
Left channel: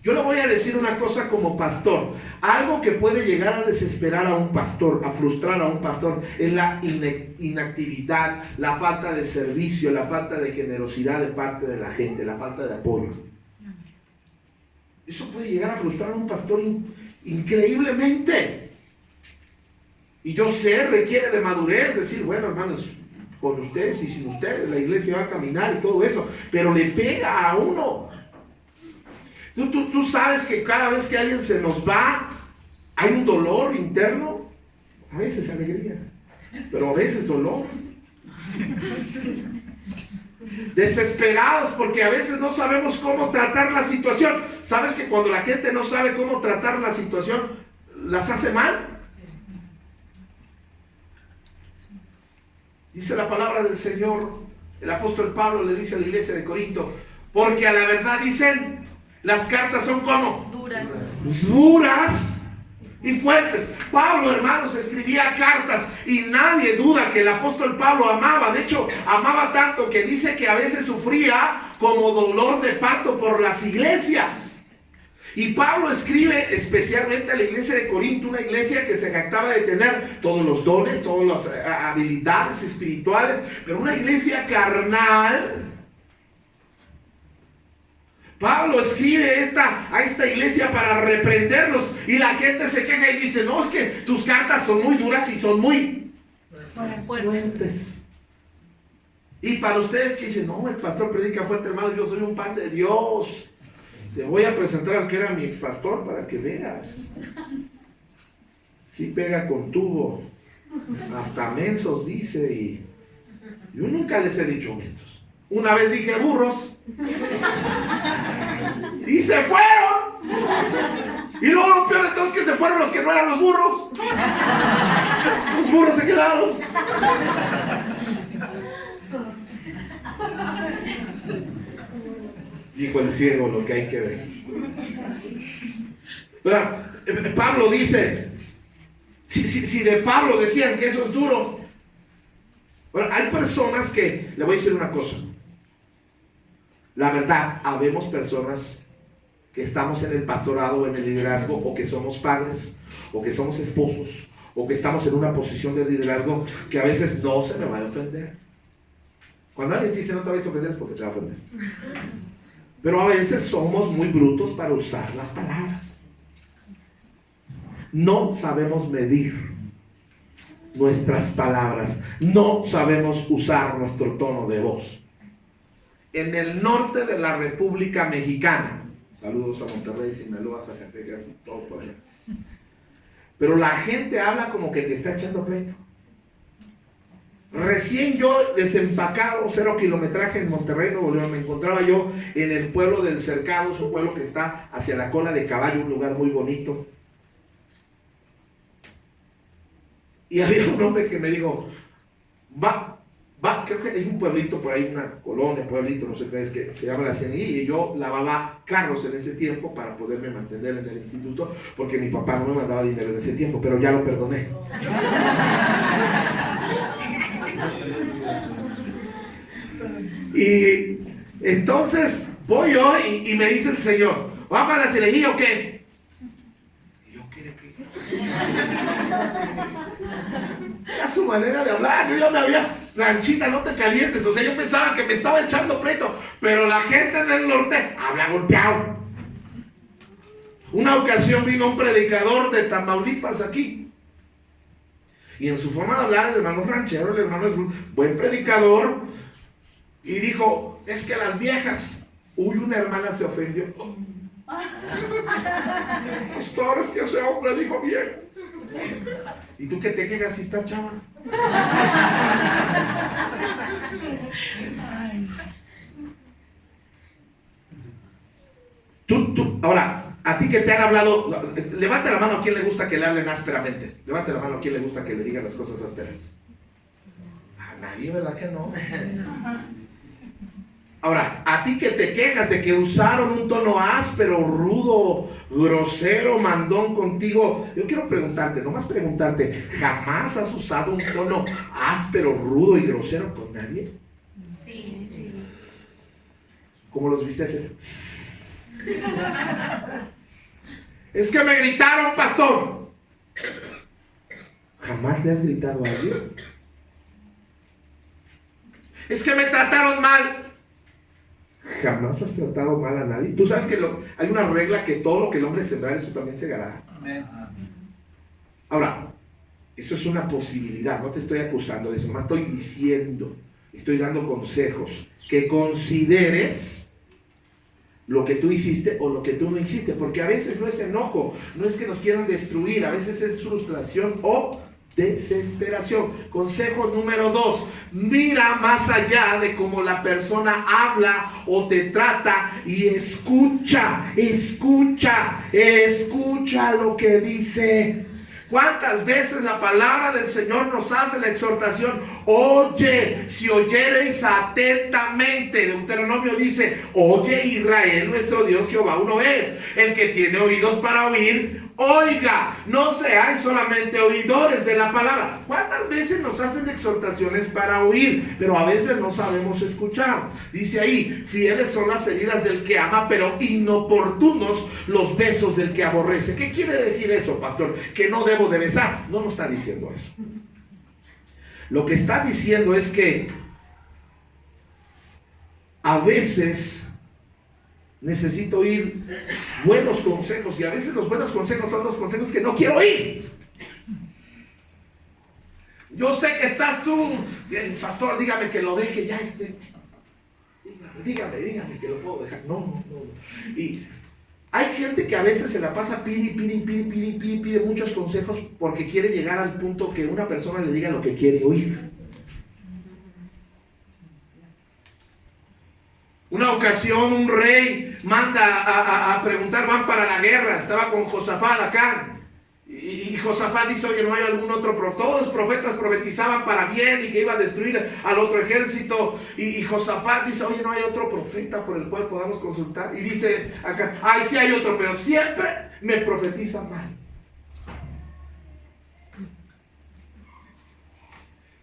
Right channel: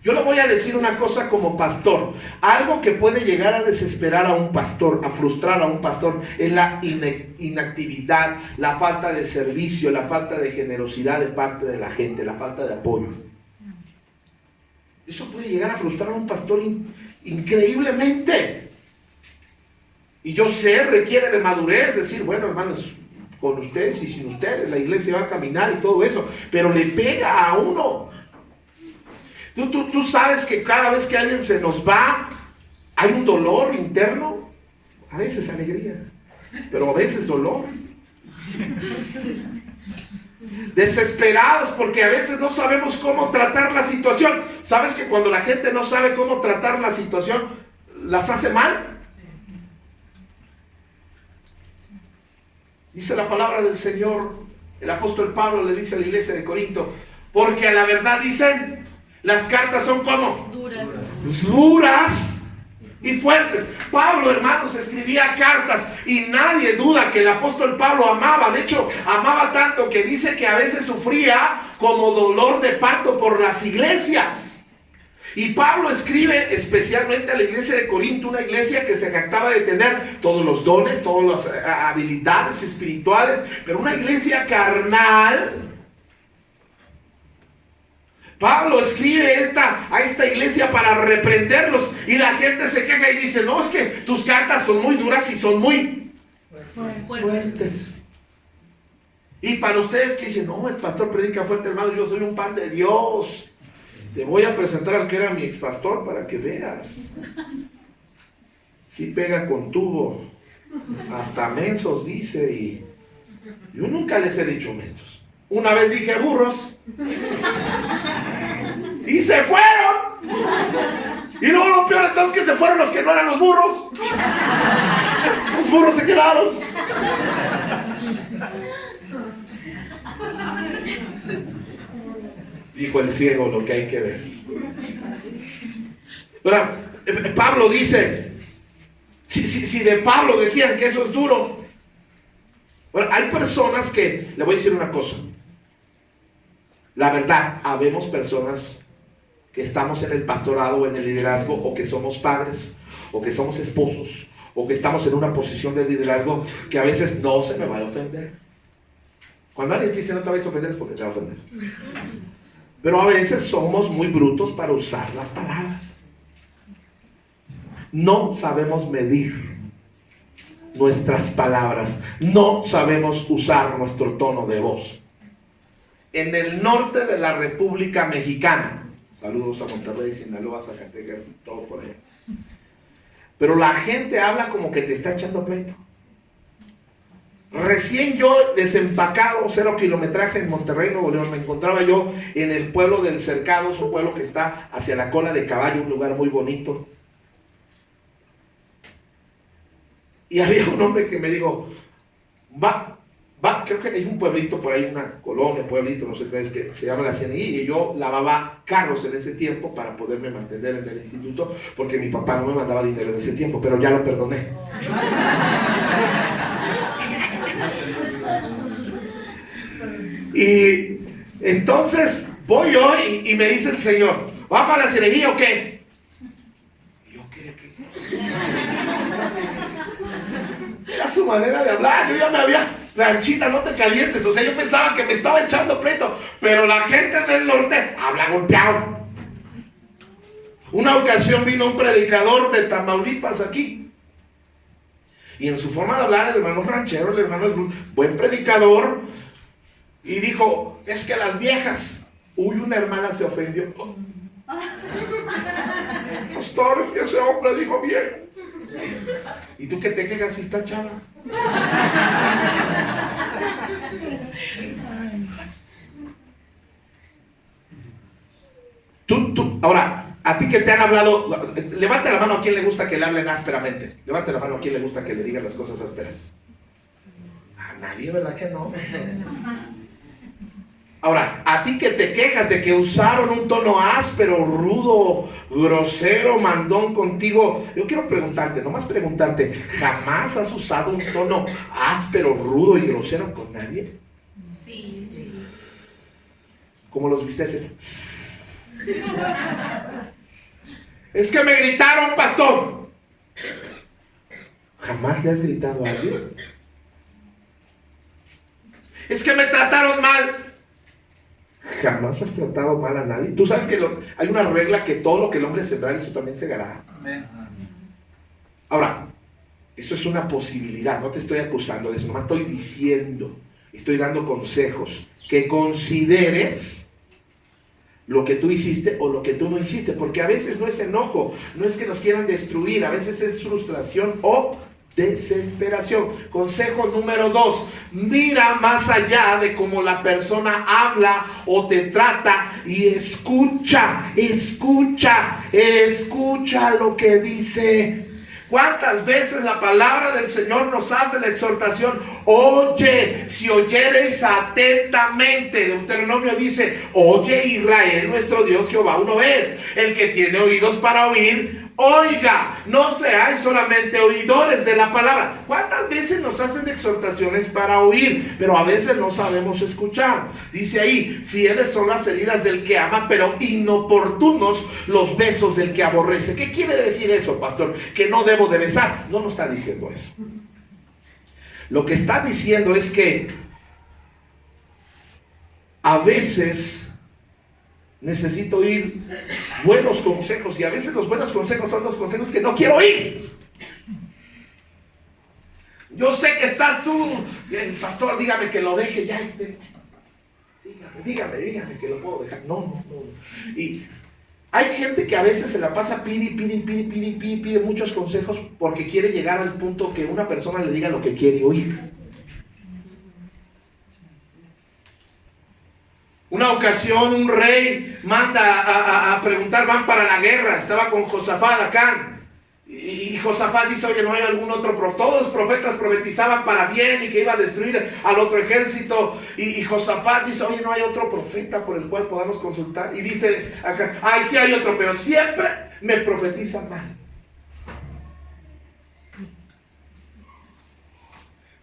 Yo le voy a decir una cosa como pastor. Algo que puede llegar a desesperar a un pastor, a frustrar a un pastor, es la inactividad, la falta de servicio, la falta de generosidad de parte de la gente, la falta de apoyo. Eso puede llegar a frustrar a un pastor increíblemente. Y yo sé, requiere de madurez, decir: bueno, hermanos, con ustedes y sin ustedes la iglesia va a caminar y todo eso, pero le pega a uno. Tú sabes que cada vez que alguien se nos va, hay un dolor interno, a veces alegría, pero a veces dolor. Desesperados porque a veces no sabemos cómo tratar la situación. ¿Sabes que cuando la gente no sabe cómo tratar la situación, las hace mal? Dice la palabra del Señor, el apóstol Pablo le dice a la iglesia de Corinto: porque a la verdad dicen, las cartas son como duras y fuertes. Pablo, hermanos, escribía cartas y nadie duda que el apóstol Pablo amaba. De hecho, amaba tanto que dice que a veces sufría como dolor de parto por las iglesias. Y Pablo escribe especialmente a la iglesia de Corinto, una iglesia que se jactaba de tener todos los dones, todas las habilidades espirituales, pero una iglesia carnal. Pablo escribe a esta iglesia para reprenderlos, y la gente se queja y dice: no, es que tus cartas son muy duras y son muy fuertes. Y para ustedes que dicen, no, el pastor predica fuerte, hermano, yo soy un pan de Dios. Te voy a presentar al que era mi expastor para que veas. Sí pega con tubo. Hasta mensos dice. Y yo nunca les he dicho mensos. Una vez dije burros. Y se fueron. Y luego lo peor de todo es que se fueron los que no eran los burros. Los burros se quedaron. Dijo el ciego lo que hay que ver. Ahora, Pablo dice, si de Pablo decían que eso es duro. Ahora, hay personas que, le voy a decir una cosa. La verdad, habemos personas que estamos en el pastorado o en el liderazgo, o que somos padres, o que somos esposos, o que estamos en una posición de liderazgo, que a veces no se me va a ofender. Cuando alguien dice no te vayas a ofender es porque te va a ofender. Pero a veces somos muy brutos para usar las palabras. No sabemos medir nuestras palabras. No sabemos usar nuestro tono de voz. En el norte de la República Mexicana, saludos a Monterrey, Sinaloa, Zacatecas, todo por allá, pero la gente habla como que te está echando pleito. Recién yo desempacado, 0 kilometraje en Monterrey, Nuevo León, me encontraba yo en el pueblo del Cercado, es un pueblo que está hacia la Cola de Caballo, un lugar muy bonito. Y había un hombre que me dijo, creo que hay un pueblito por ahí, una colonia, pueblito, no sé qué es, que se llama La Ciénaga, y yo lavaba carros en ese tiempo para poderme mantener en el instituto, porque mi papá no me mandaba dinero en ese tiempo, pero ya lo perdoné. Y entonces voy yo y me dice el Señor, ¿va para la Ciénaga o qué? Y yo, ¿qué? Era su manera de hablar. Yo ya me había, Ranchita, no te calientes. O sea, yo pensaba que me estaba echando pleito, pero la gente del norte habla golpeado. Una ocasión vino un predicador de Tamaulipas aquí, y en su forma de hablar, el hermano ranchero, el hermano es un buen predicador, y dijo, es que las viejas, una hermana se ofendió. Pastor, es que ese hombre dijo viejas. ¿Y tú qué te quejas si está chava? Ahora, a ti que te han hablado, levante la mano a quien le gusta que le hablen ásperamente. Levante la mano a quien le gusta que le digan las cosas ásperas. A nadie, ¿verdad que no? Ahora, a ti que te quejas de que usaron un tono áspero, rudo, grosero, mandón contigo, yo quiero preguntarte, nomás preguntarte, ¿jamás has usado un tono áspero, rudo y grosero con nadie? Sí. ¿Cómo los viste ese? Es que me gritaron, pastor. ¿Jamás le has gritado a alguien? Es que me trataron mal. ¿Jamás has tratado mal a nadie? Tú sabes que hay una regla, que todo lo que el hombre sembrar, eso también segará. Ahora, eso es una posibilidad, no te estoy acusando de eso, nomás estoy diciendo, estoy dando consejos, que consideres lo que tú hiciste o lo que tú no hiciste, porque a veces no es enojo, no es que nos quieran destruir, a veces es frustración o desesperación. Consejo número 2, mira más allá de cómo la persona habla o te trata y escucha lo que dice. ¿Cuántas veces la palabra del Señor nos hace la exhortación? Oye, si oyereis atentamente. Deuteronomio dice, oye Israel, nuestro Dios Jehová uno es. El que tiene oídos para oír, oiga. No seáis solamente oidores de la palabra. ¿Cuántas veces nos hacen exhortaciones para oír? Pero a veces no sabemos escuchar. Dice ahí, fieles son las heridas del que ama, pero inoportunos los besos del que aborrece. ¿Qué quiere decir eso, pastor? Que no debo de besar. No nos está diciendo eso. Lo que está diciendo es que a veces necesito oír buenos consejos, y a veces los buenos consejos son los consejos que no quiero oír. Yo sé que estás tú, pastor, dígame que lo deje ya dígame que lo puedo dejar. No. Y hay gente que a veces se la pasa pide muchos consejos porque quiere llegar al punto que una persona le diga lo que quiere oír. Una ocasión un rey manda a preguntar, van para la guerra, estaba con Josafat acá. Y Josafat dice, oye, ¿no hay algún otro profeta? Todos los profetas profetizaban para bien y que iba a destruir al otro ejército. Y Josafat dice, oye, ¿no hay otro profeta por el cual podamos consultar? Y dice acá, ay, sí hay otro, pero siempre me profetizan mal.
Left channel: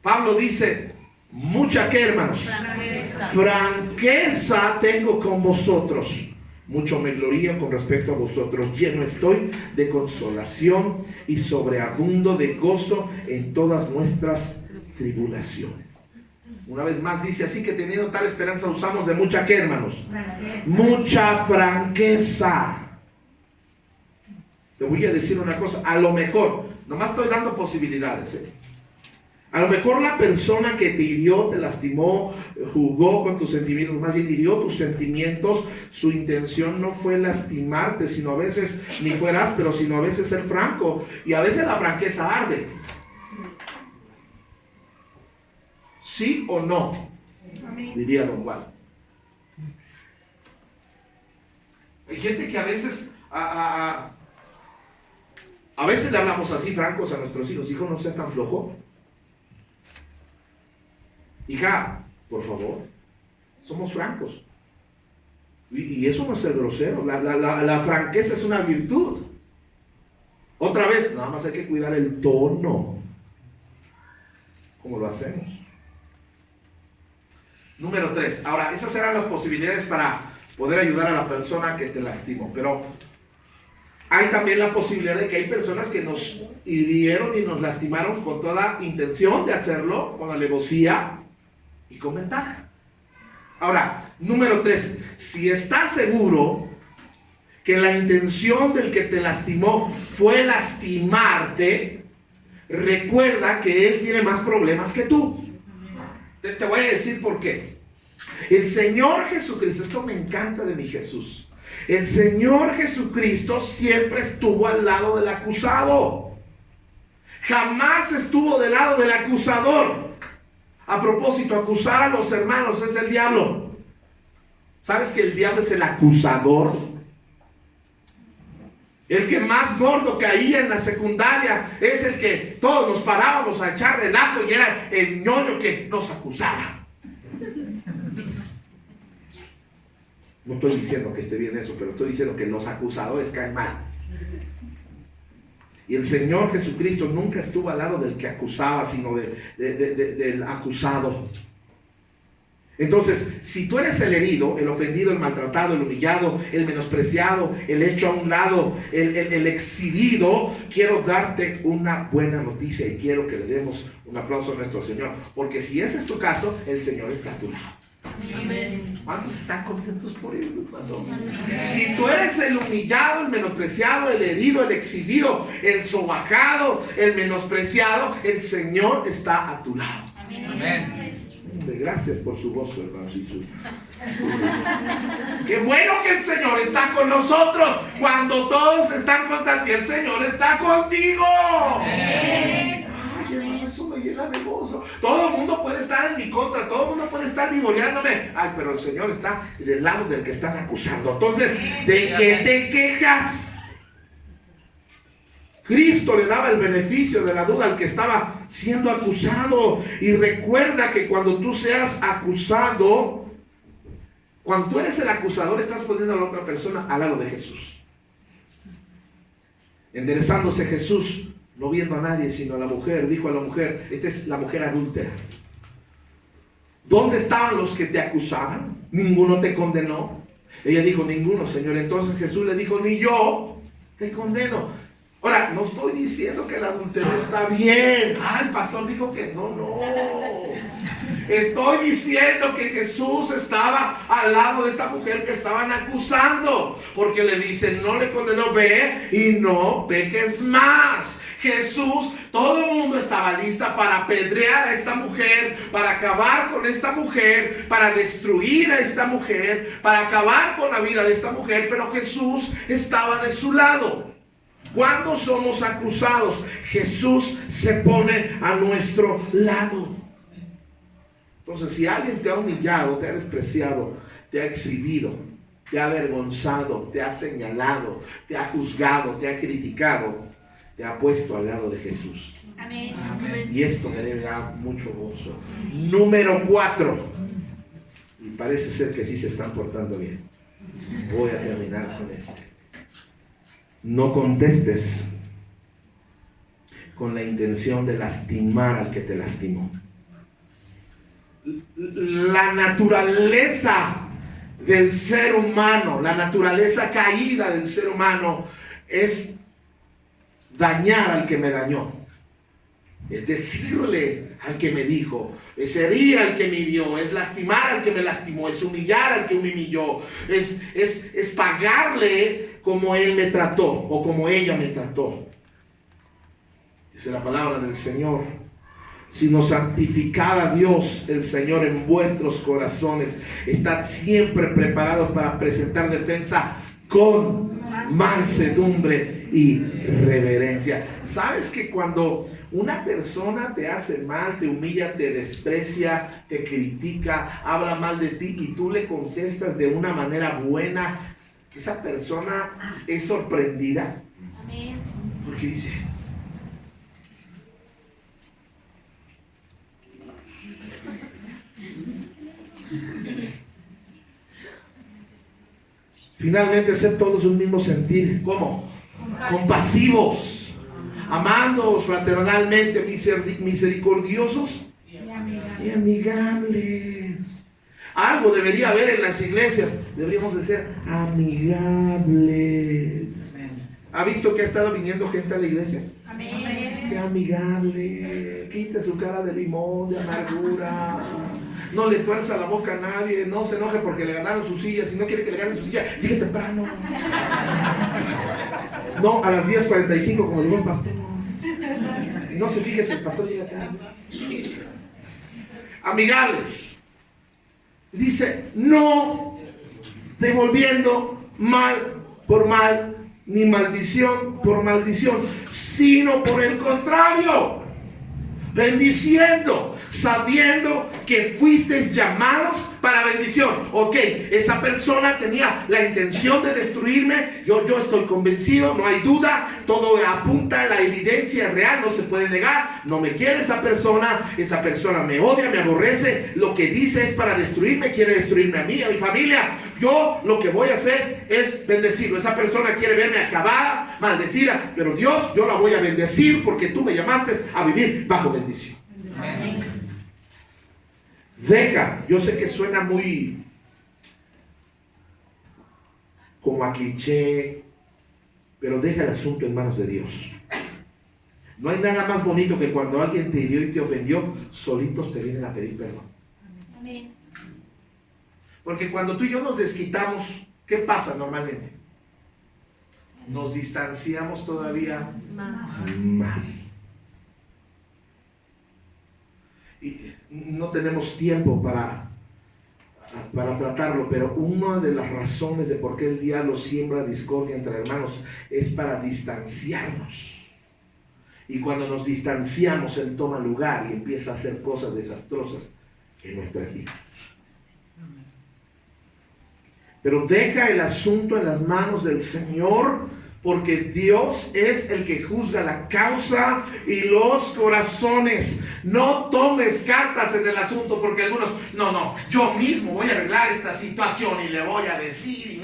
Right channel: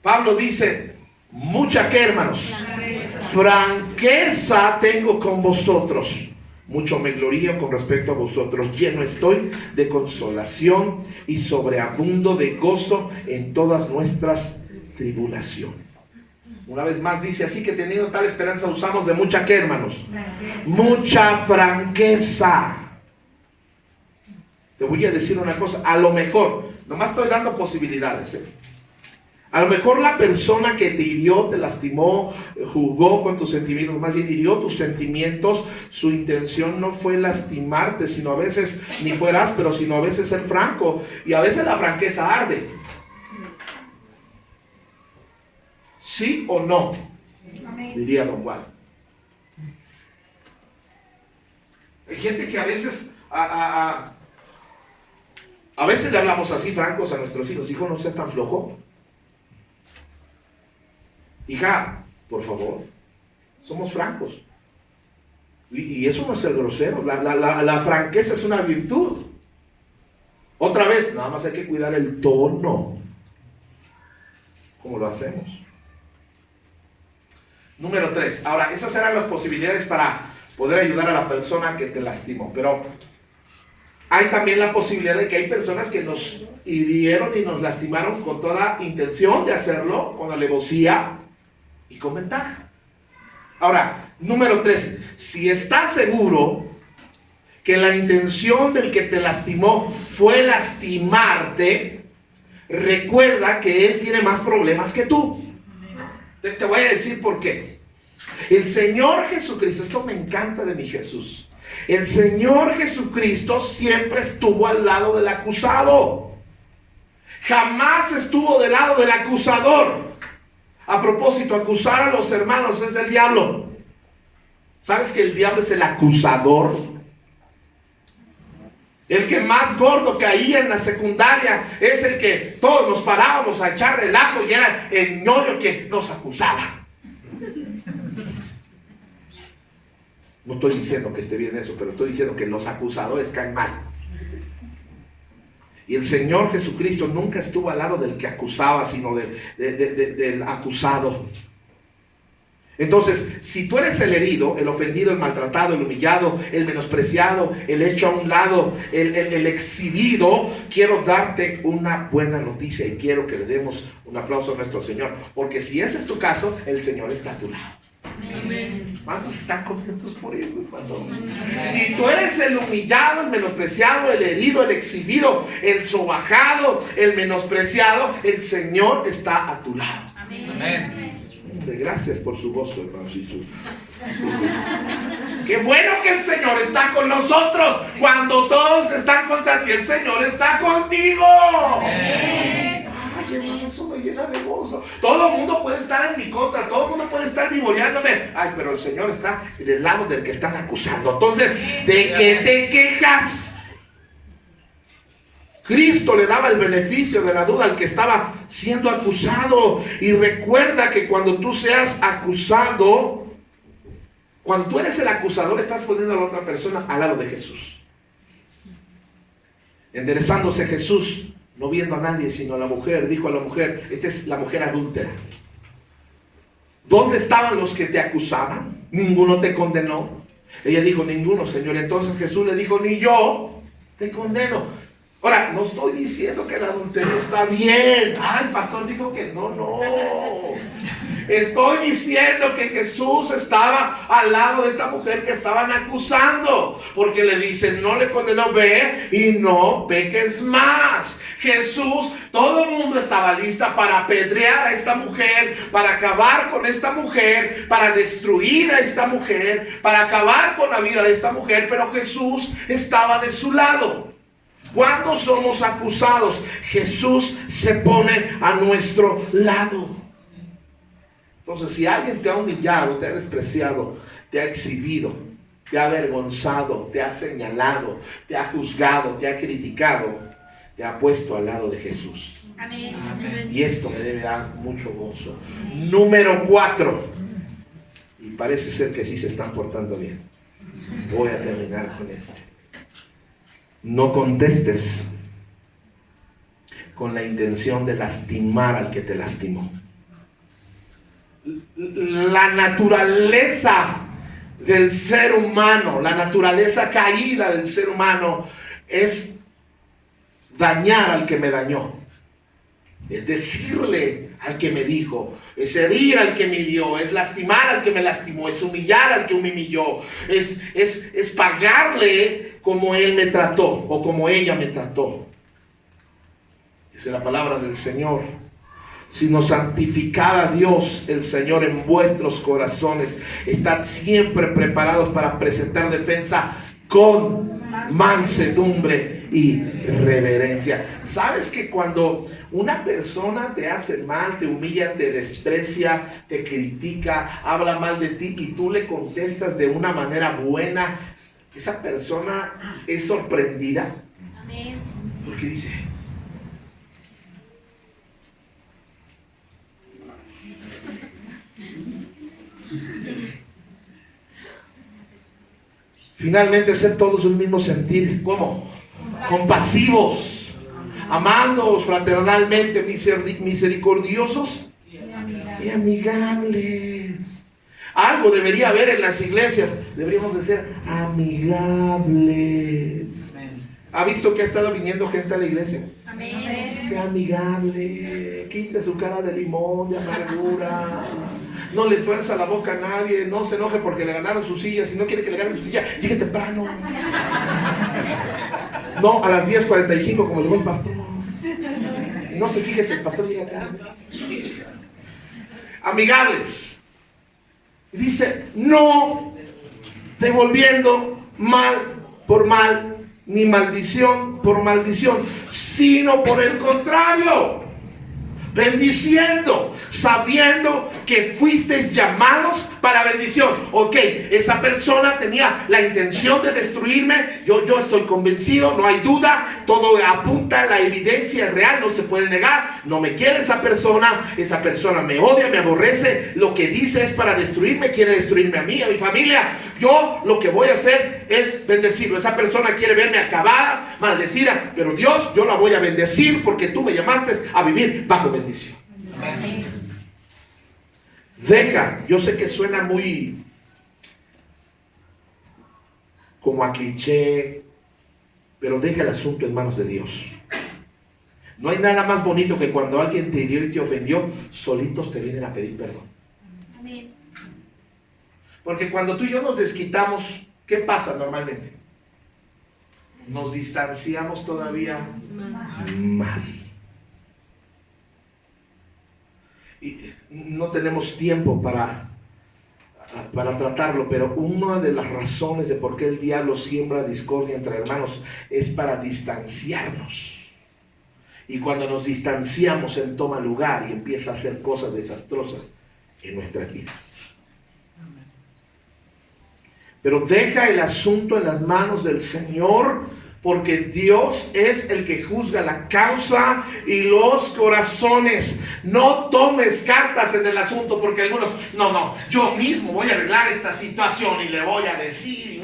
Pablo dice, mucha que, hermanos, franqueza tengo con vosotros. Mucho me glorío con respecto a vosotros, lleno estoy de consolación y sobreabundo de gozo en todas nuestras tribulaciones. Una vez más dice, así que teniendo tal esperanza usamos de mucha ¿qué, hermanos? Mucha franqueza. Te voy a decir una cosa, a lo mejor, nomás estoy dando posibilidades, A lo mejor la persona que te hirió, te lastimó, jugó con tus sentimientos, más bien hirió tus sentimientos, su intención no fue lastimarte, sino a veces, ni fue áspero, sino a veces ser franco. Y a veces la franqueza arde. ¿Sí o no? Diría don Juan. Hay gente que a veces, a veces le hablamos así francos a nuestros hijos. Hijo, no seas tan flojo. Hija, por favor, somos francos. Y eso no es ser grosero. La franqueza es una virtud. Otra vez, nada más hay que cuidar el tono. ¿Cómo lo hacemos? Número 3. Ahora, esas eran las posibilidades para poder ayudar a la persona que te lastimó. Pero hay también la posibilidad de que hay personas que nos hirieron y nos lastimaron con toda intención de hacerlo, con alevosía y con ventaja. Ahora, número 3, si estás seguro que la intención del que te lastimó fue lastimarte, recuerda que él tiene más problemas que tú. Te voy a decir por qué. El Señor Jesucristo, esto me encanta de mi Jesús, el Señor Jesucristo siempre estuvo al lado del acusado, jamás estuvo del lado del acusador. A propósito, acusar a los hermanos es del diablo. ¿Sabes que el diablo es el acusador? El que más gordo caía en la secundaria es el que todos nos parábamos a echar relajo y era el ñoño que nos acusaba. No estoy diciendo que esté bien eso, pero estoy diciendo que los acusadores caen mal. Y el Señor Jesucristo nunca estuvo al lado del que acusaba, sino del acusado. Entonces, si tú eres el herido, el ofendido, el maltratado, el humillado, el menospreciado, el hecho a un lado, el exhibido, quiero darte una buena noticia y quiero que le demos un aplauso a nuestro Señor. Porque si ese es tu caso, el Señor está a tu lado. ¿Cuántos están contentos por eso? Si tú eres el humillado, el menospreciado, el herido, el exhibido, el sobajado, el menospreciado, el Señor está a tu lado. Amén. Gracias por su gozo, hermanos. Qué bueno que el Señor está con nosotros. Cuando todos están contra ti, el Señor está contigo. Amén. Ay, hermano, eso me llena de gozo. Todo el mundo puede estar en mi contra, todo el mundo puede estar vivoreándome. Ay, pero el Señor está del lado del que están acusando. Entonces, ¿de qué te quejas? Cristo le daba el beneficio de la duda al que estaba siendo acusado. Y recuerda que cuando tú seas acusado, cuando tú eres el acusador, estás poniendo a la otra persona al lado de Jesús. Enderezándose Jesús, no viendo a nadie sino a la mujer, dijo a la mujer, esta es la mujer adúltera. ¿Dónde estaban los que te acusaban? ¿Ninguno te condenó? Ella dijo, ninguno, Señor. Entonces Jesús le dijo, ni yo te condeno. Ahora, no estoy diciendo que el adulterio está bien. Ah, el pastor dijo que no. Estoy diciendo que Jesús estaba al lado de esta mujer que estaban acusando. Porque le dicen, no le condenó, ve y no peques más. Jesús, todo el mundo estaba lista para apedrear a esta mujer, para acabar con esta mujer, para destruir a esta mujer, para acabar con la vida de esta mujer, pero Jesús estaba de su lado. Cuando somos acusados, Jesús se pone a nuestro lado. Entonces, si alguien te ha humillado, te ha despreciado, te ha exhibido, te ha avergonzado, te ha señalado, te ha juzgado, te ha criticado, te ha puesto al lado de Jesús. Amén. Y esto me debe dar mucho gozo. Número 4. Y parece ser que sí se están portando bien. Voy a terminar con este. No contestes con la intención de lastimar al que te lastimó. La naturaleza del ser humano, la naturaleza caída del ser humano es dañar al que me dañó, es decirle al que me dijo, es herir al que me hirió, es lastimar al que me lastimó, es humillar al que me humilló, es pagarle como él me trató o como ella me trató. Dice la palabra del Señor: sino santificad a Dios el Señor en vuestros corazones, estad siempre preparados para presentar defensa con mansedumbre y reverencia. ¿Sabes que cuando una persona te hace mal, te humilla, te desprecia, te critica, habla mal de ti y tú le contestas de una manera buena, esa persona es sorprendida? Amén. Porque dice: finalmente, ser todos un mismo sentir. ¿Cómo? Compasivos, amándoos fraternalmente, misericordiosos y amigables. Algo debería haber en las iglesias. Deberíamos de ser amigables. ¿Ha visto que ha estado viniendo gente a la iglesia? Amén. Sea amigable, quite su cara de limón, de amargura. No le tuerza la boca a nadie, no se enoje porque le ganaron su silla. Si no quiere que le ganen su silla, llegue temprano. No, a las 10:45 como llegó el pastor. Y no se fije si el pastor llega tarde. Amigables. Dice: no devolviendo mal por mal, ni maldición por maldición, sino por el contrario, bendiciendo, sabiendo que fuisteis llamados para bendición. Ok, esa persona tenía la intención de destruirme. Yo estoy convencido, no hay duda, todo apunta a la evidencia real, no se puede negar. No me quiere esa persona me odia, me aborrece. Lo que dice es para destruirme, quiere destruirme a mí, a mi familia. Yo lo que voy a hacer es bendecirlo. Esa persona quiere verme acabada, maldecida, pero Dios, yo la voy a bendecir porque tú me llamaste a vivir bajo bendición. Amén. Deja, yo sé que suena muy como a cliché, pero deja el asunto en manos de Dios. No hay nada más bonito que cuando alguien te hirió y te ofendió, solitos te vienen a pedir perdón. Amén. Porque cuando tú y yo nos desquitamos, ¿qué pasa normalmente? Nos distanciamos todavía más. Y no tenemos tiempo para tratarlo, pero una de las razones de por qué el diablo siembra discordia entre hermanos es para distanciarnos. Y cuando nos distanciamos, él toma lugar y empieza a hacer cosas desastrosas en nuestras vidas. Pero deja el asunto en las manos del Señor, porque Dios es el que juzga la causa y los corazones. No tomes cartas en el asunto, porque algunos, no, yo mismo voy a arreglar esta situación y le voy a decir.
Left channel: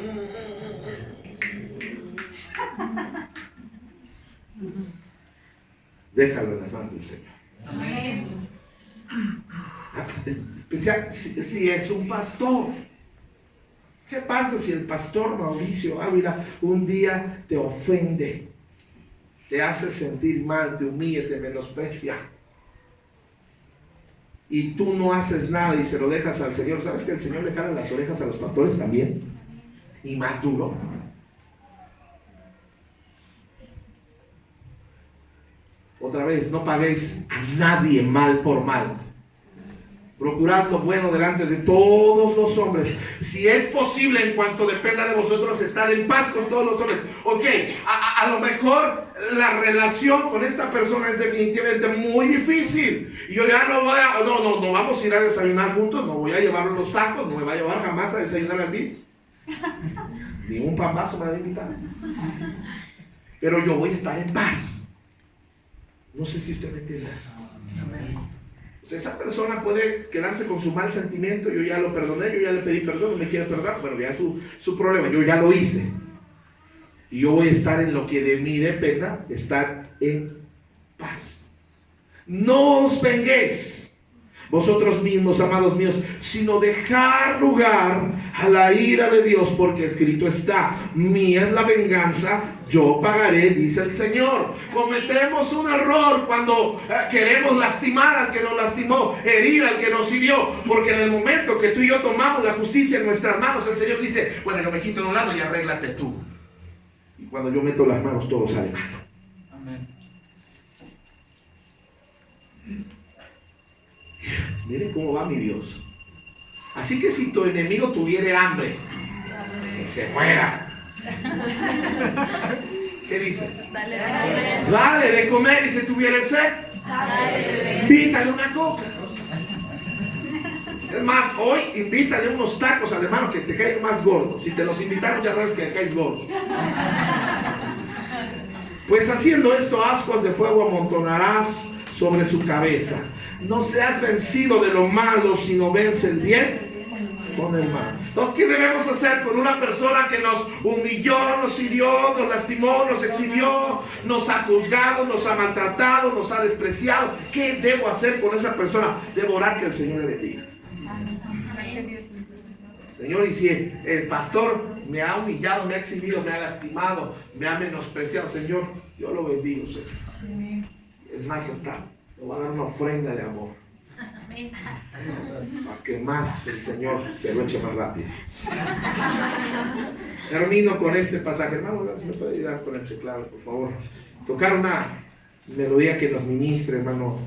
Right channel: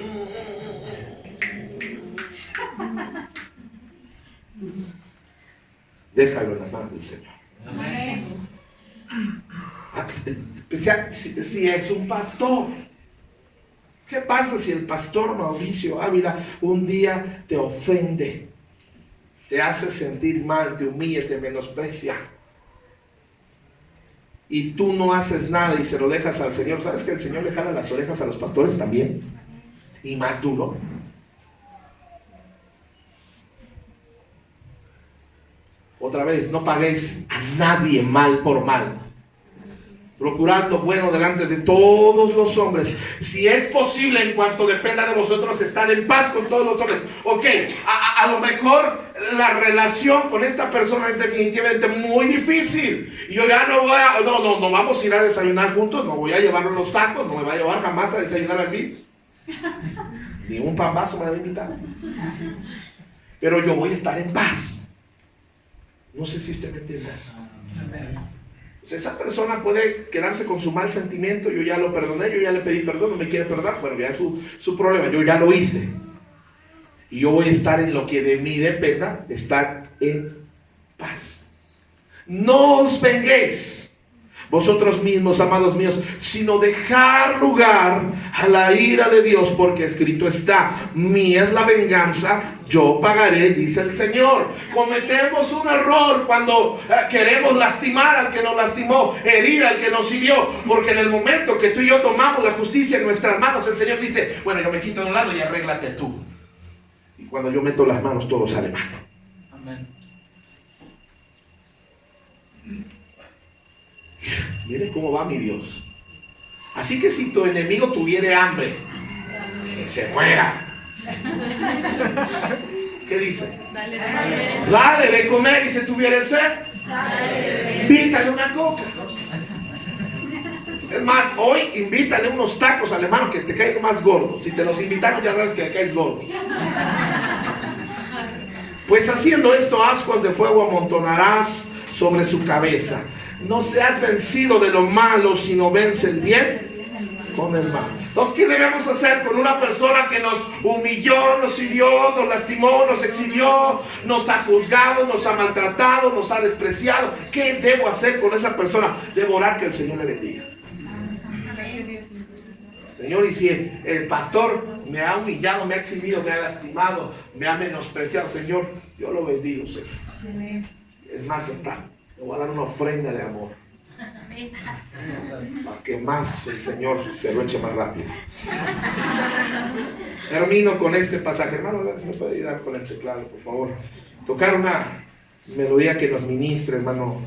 Déjalo en las manos del Señor. Amén. Especial si es un pastor. ¿Qué pasa si el pastor Mauricio Ávila un día te ofende, te hace sentir mal, te humilla, te menosprecia, y tú no haces nada y se lo dejas al Señor? ¿Sabes que el Señor le jala las orejas a los pastores también? Y más duro. Otra vez, no paguéis a nadie mal por mal. Procurad lo bueno delante de todos los hombres. Si es posible, en cuanto dependa de vosotros, estar en paz con todos los hombres. Ok, a lo mejor la relación con esta persona es definitivamente muy difícil. Y yo ya no vamos a ir a desayunar juntos. No voy a llevarlo los tacos. No me va a llevar jamás a desayunar a mí. Ni un pambazo me va a invitar. Pero yo voy a estar en paz. No sé si usted me entiende eso. Pues esa persona puede quedarse con su mal sentimiento. Yo ya lo perdoné, yo ya le pedí perdón, no me quiere perdonar. Bueno, ya es su problema, yo ya lo hice. Y yo voy a estar en lo que de mí dependa, estar en paz. No os venguéis vosotros mismos, amados míos, sino dejar lugar a la ira de Dios, porque escrito está: mía es la venganza, yo pagaré, dice el Señor. Cometemos un error cuando queremos lastimar al que nos lastimó, herir al que nos hirió, porque en el momento que tú y yo tomamos la justicia en nuestras manos, el Señor dice: bueno, yo me quito de un lado y arréglate tú. Y cuando yo meto las manos, todo sale mal. Amén. Miren cómo va mi Dios. Así que si tu enemigo tuviere hambre, que se muera. ¿Qué dices? Dale de comer. Y si tuviere sed, invítale una coca. Es más, hoy invítale unos tacos al hermano que te caes más gordo. Si te los invitaron, ya sabes que le caes gordo. Pues haciendo esto, ascuas de fuego amontonarás sobre su cabeza. No seas vencido de lo malo, sino vence el bien con el mal. Entonces, ¿qué debemos hacer con una persona que nos humilló, nos hirió, nos lastimó, nos exhibió, nos ha juzgado, nos ha maltratado, nos ha despreciado? ¿Qué debo hacer con esa persona? Debo orar que el Señor le bendiga. Señor, y si el pastor me ha humillado, me ha exhibido, me ha lastimado, me ha menospreciado, Señor, yo lo bendigo, Señor. Es más, hasta le voy a dar una ofrenda de amor. Para que más el Señor se lo eche más rápido. Termino con este pasaje. Hermano, si me puede ayudar con el teclado, por favor. Tocar una melodía que nos ministre, hermano.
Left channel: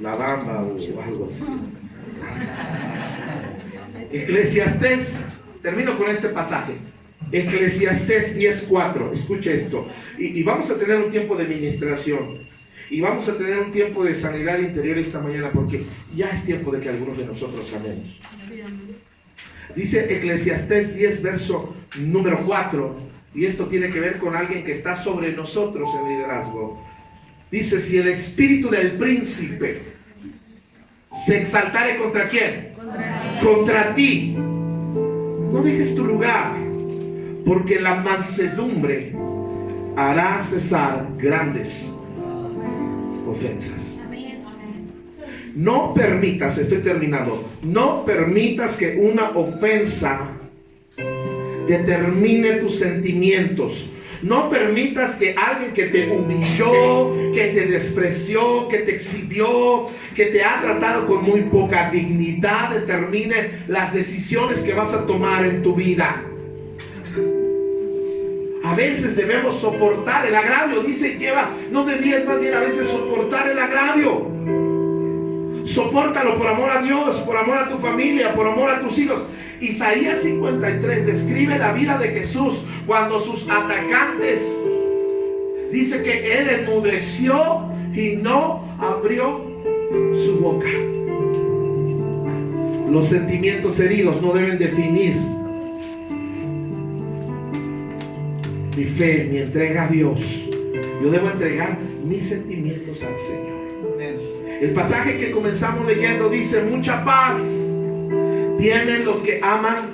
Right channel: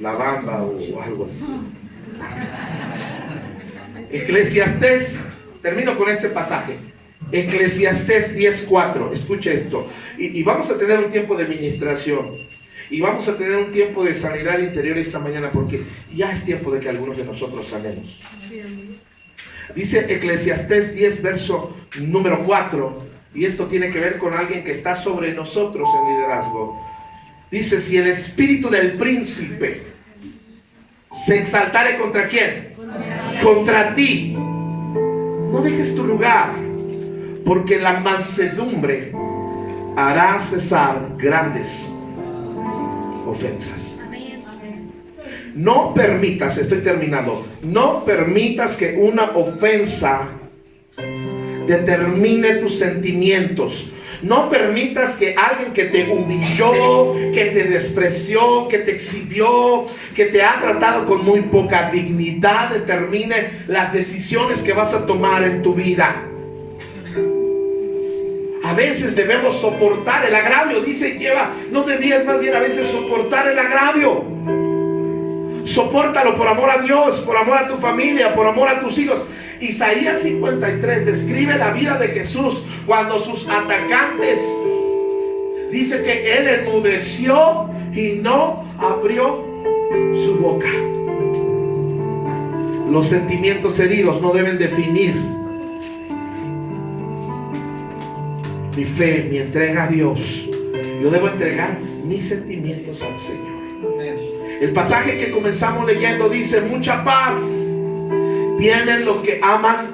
La bamba o algo así. Eclesiastés. Termino con este pasaje. Eclesiastés 10:4. Escuche esto. Y vamos a tener un tiempo de ministración. Y vamos a tener un tiempo de sanidad interior esta mañana, porque ya es tiempo de que algunos de nosotros sanemos. Dice Eclesiastés 10, verso número 4. Y esto tiene que ver con alguien que está sobre nosotros en liderazgo. Dice: si el espíritu del príncipe se exaltare ¿contra quién? Contra ti. No dejes tu lugar, porque la mansedumbre hará cesar grandes ofensas. No permitas, estoy terminando, no permitas que una ofensa determine tus sentimientos. No permitas que alguien que te humilló, que te despreció, que te exhibió, que te ha tratado con muy poca dignidad, determine las decisiones que vas a tomar en tu vida. A veces debemos soportar el agravio. Dice: no debías, más bien a veces soportar el agravio. Sopórtalo por amor a Dios, por amor a tu familia, por amor a tus hijos. Isaías 53 describe la vida de Jesús cuando sus atacantes, dice que él enmudeció y no abrió su boca. Los sentimientos heridos no deben definir mi fe, mi entrega a Dios. Yo debo entregar mis sentimientos al Señor. El pasaje que comenzamos leyendo dice: mucha paz tienen los que aman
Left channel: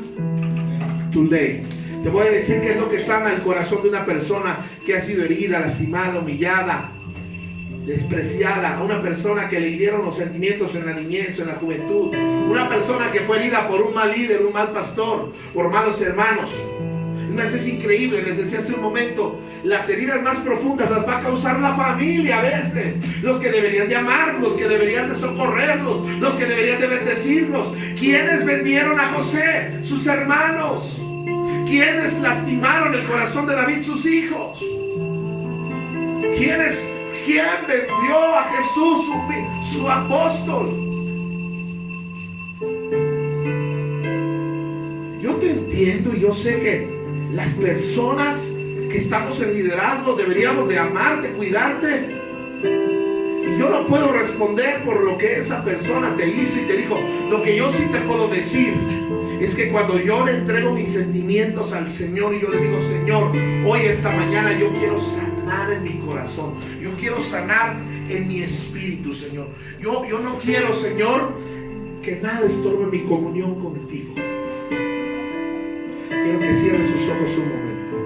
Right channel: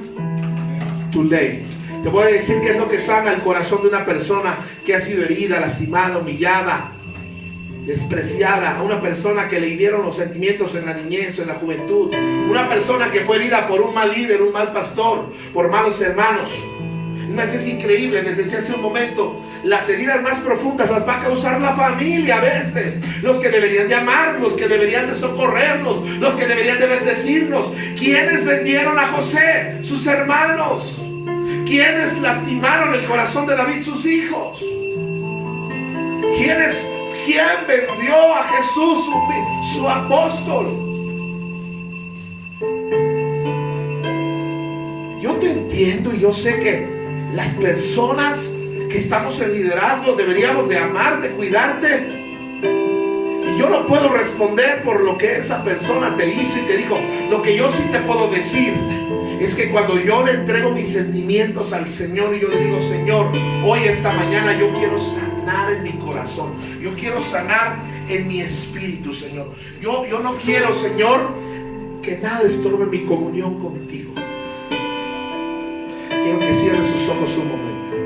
tu ley. Te voy a decir qué es lo que sana el corazón de una persona que ha sido herida, lastimada, humillada, despreciada. A una persona que le hirieron los sentimientos en la niñez o en la juventud. Una persona que fue herida por un mal líder, un mal pastor, por malos hermanos. Es increíble, les decía hace un momento, las heridas más profundas las va a causar la familia a veces. Los que deberían de amarnos, los que deberían de socorrernos, los que deberían de bendecirnos. ¿Quiénes vendieron a José? Sus hermanos. ¿Quiénes lastimaron el corazón de David? Sus hijos. ¿Quién vendió a Jesús, su apóstol? Yo te entiendo y yo sé que las personas que estamos en liderazgo deberíamos de amarte, cuidarte. Y yo no puedo responder por lo que esa persona te hizo y te dijo. Lo que yo sí te puedo decir es que cuando yo le entrego mis sentimientos al Señor y yo le digo: Señor, hoy esta mañana yo quiero sanar en mi corazón, yo quiero sanar en mi espíritu, Señor. Yo no quiero, Señor, que nada estorbe mi comunión contigo. Quiero que cierre sus ojos un momento.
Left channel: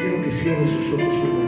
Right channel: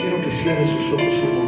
Quiero que cierre sus ojos un momento.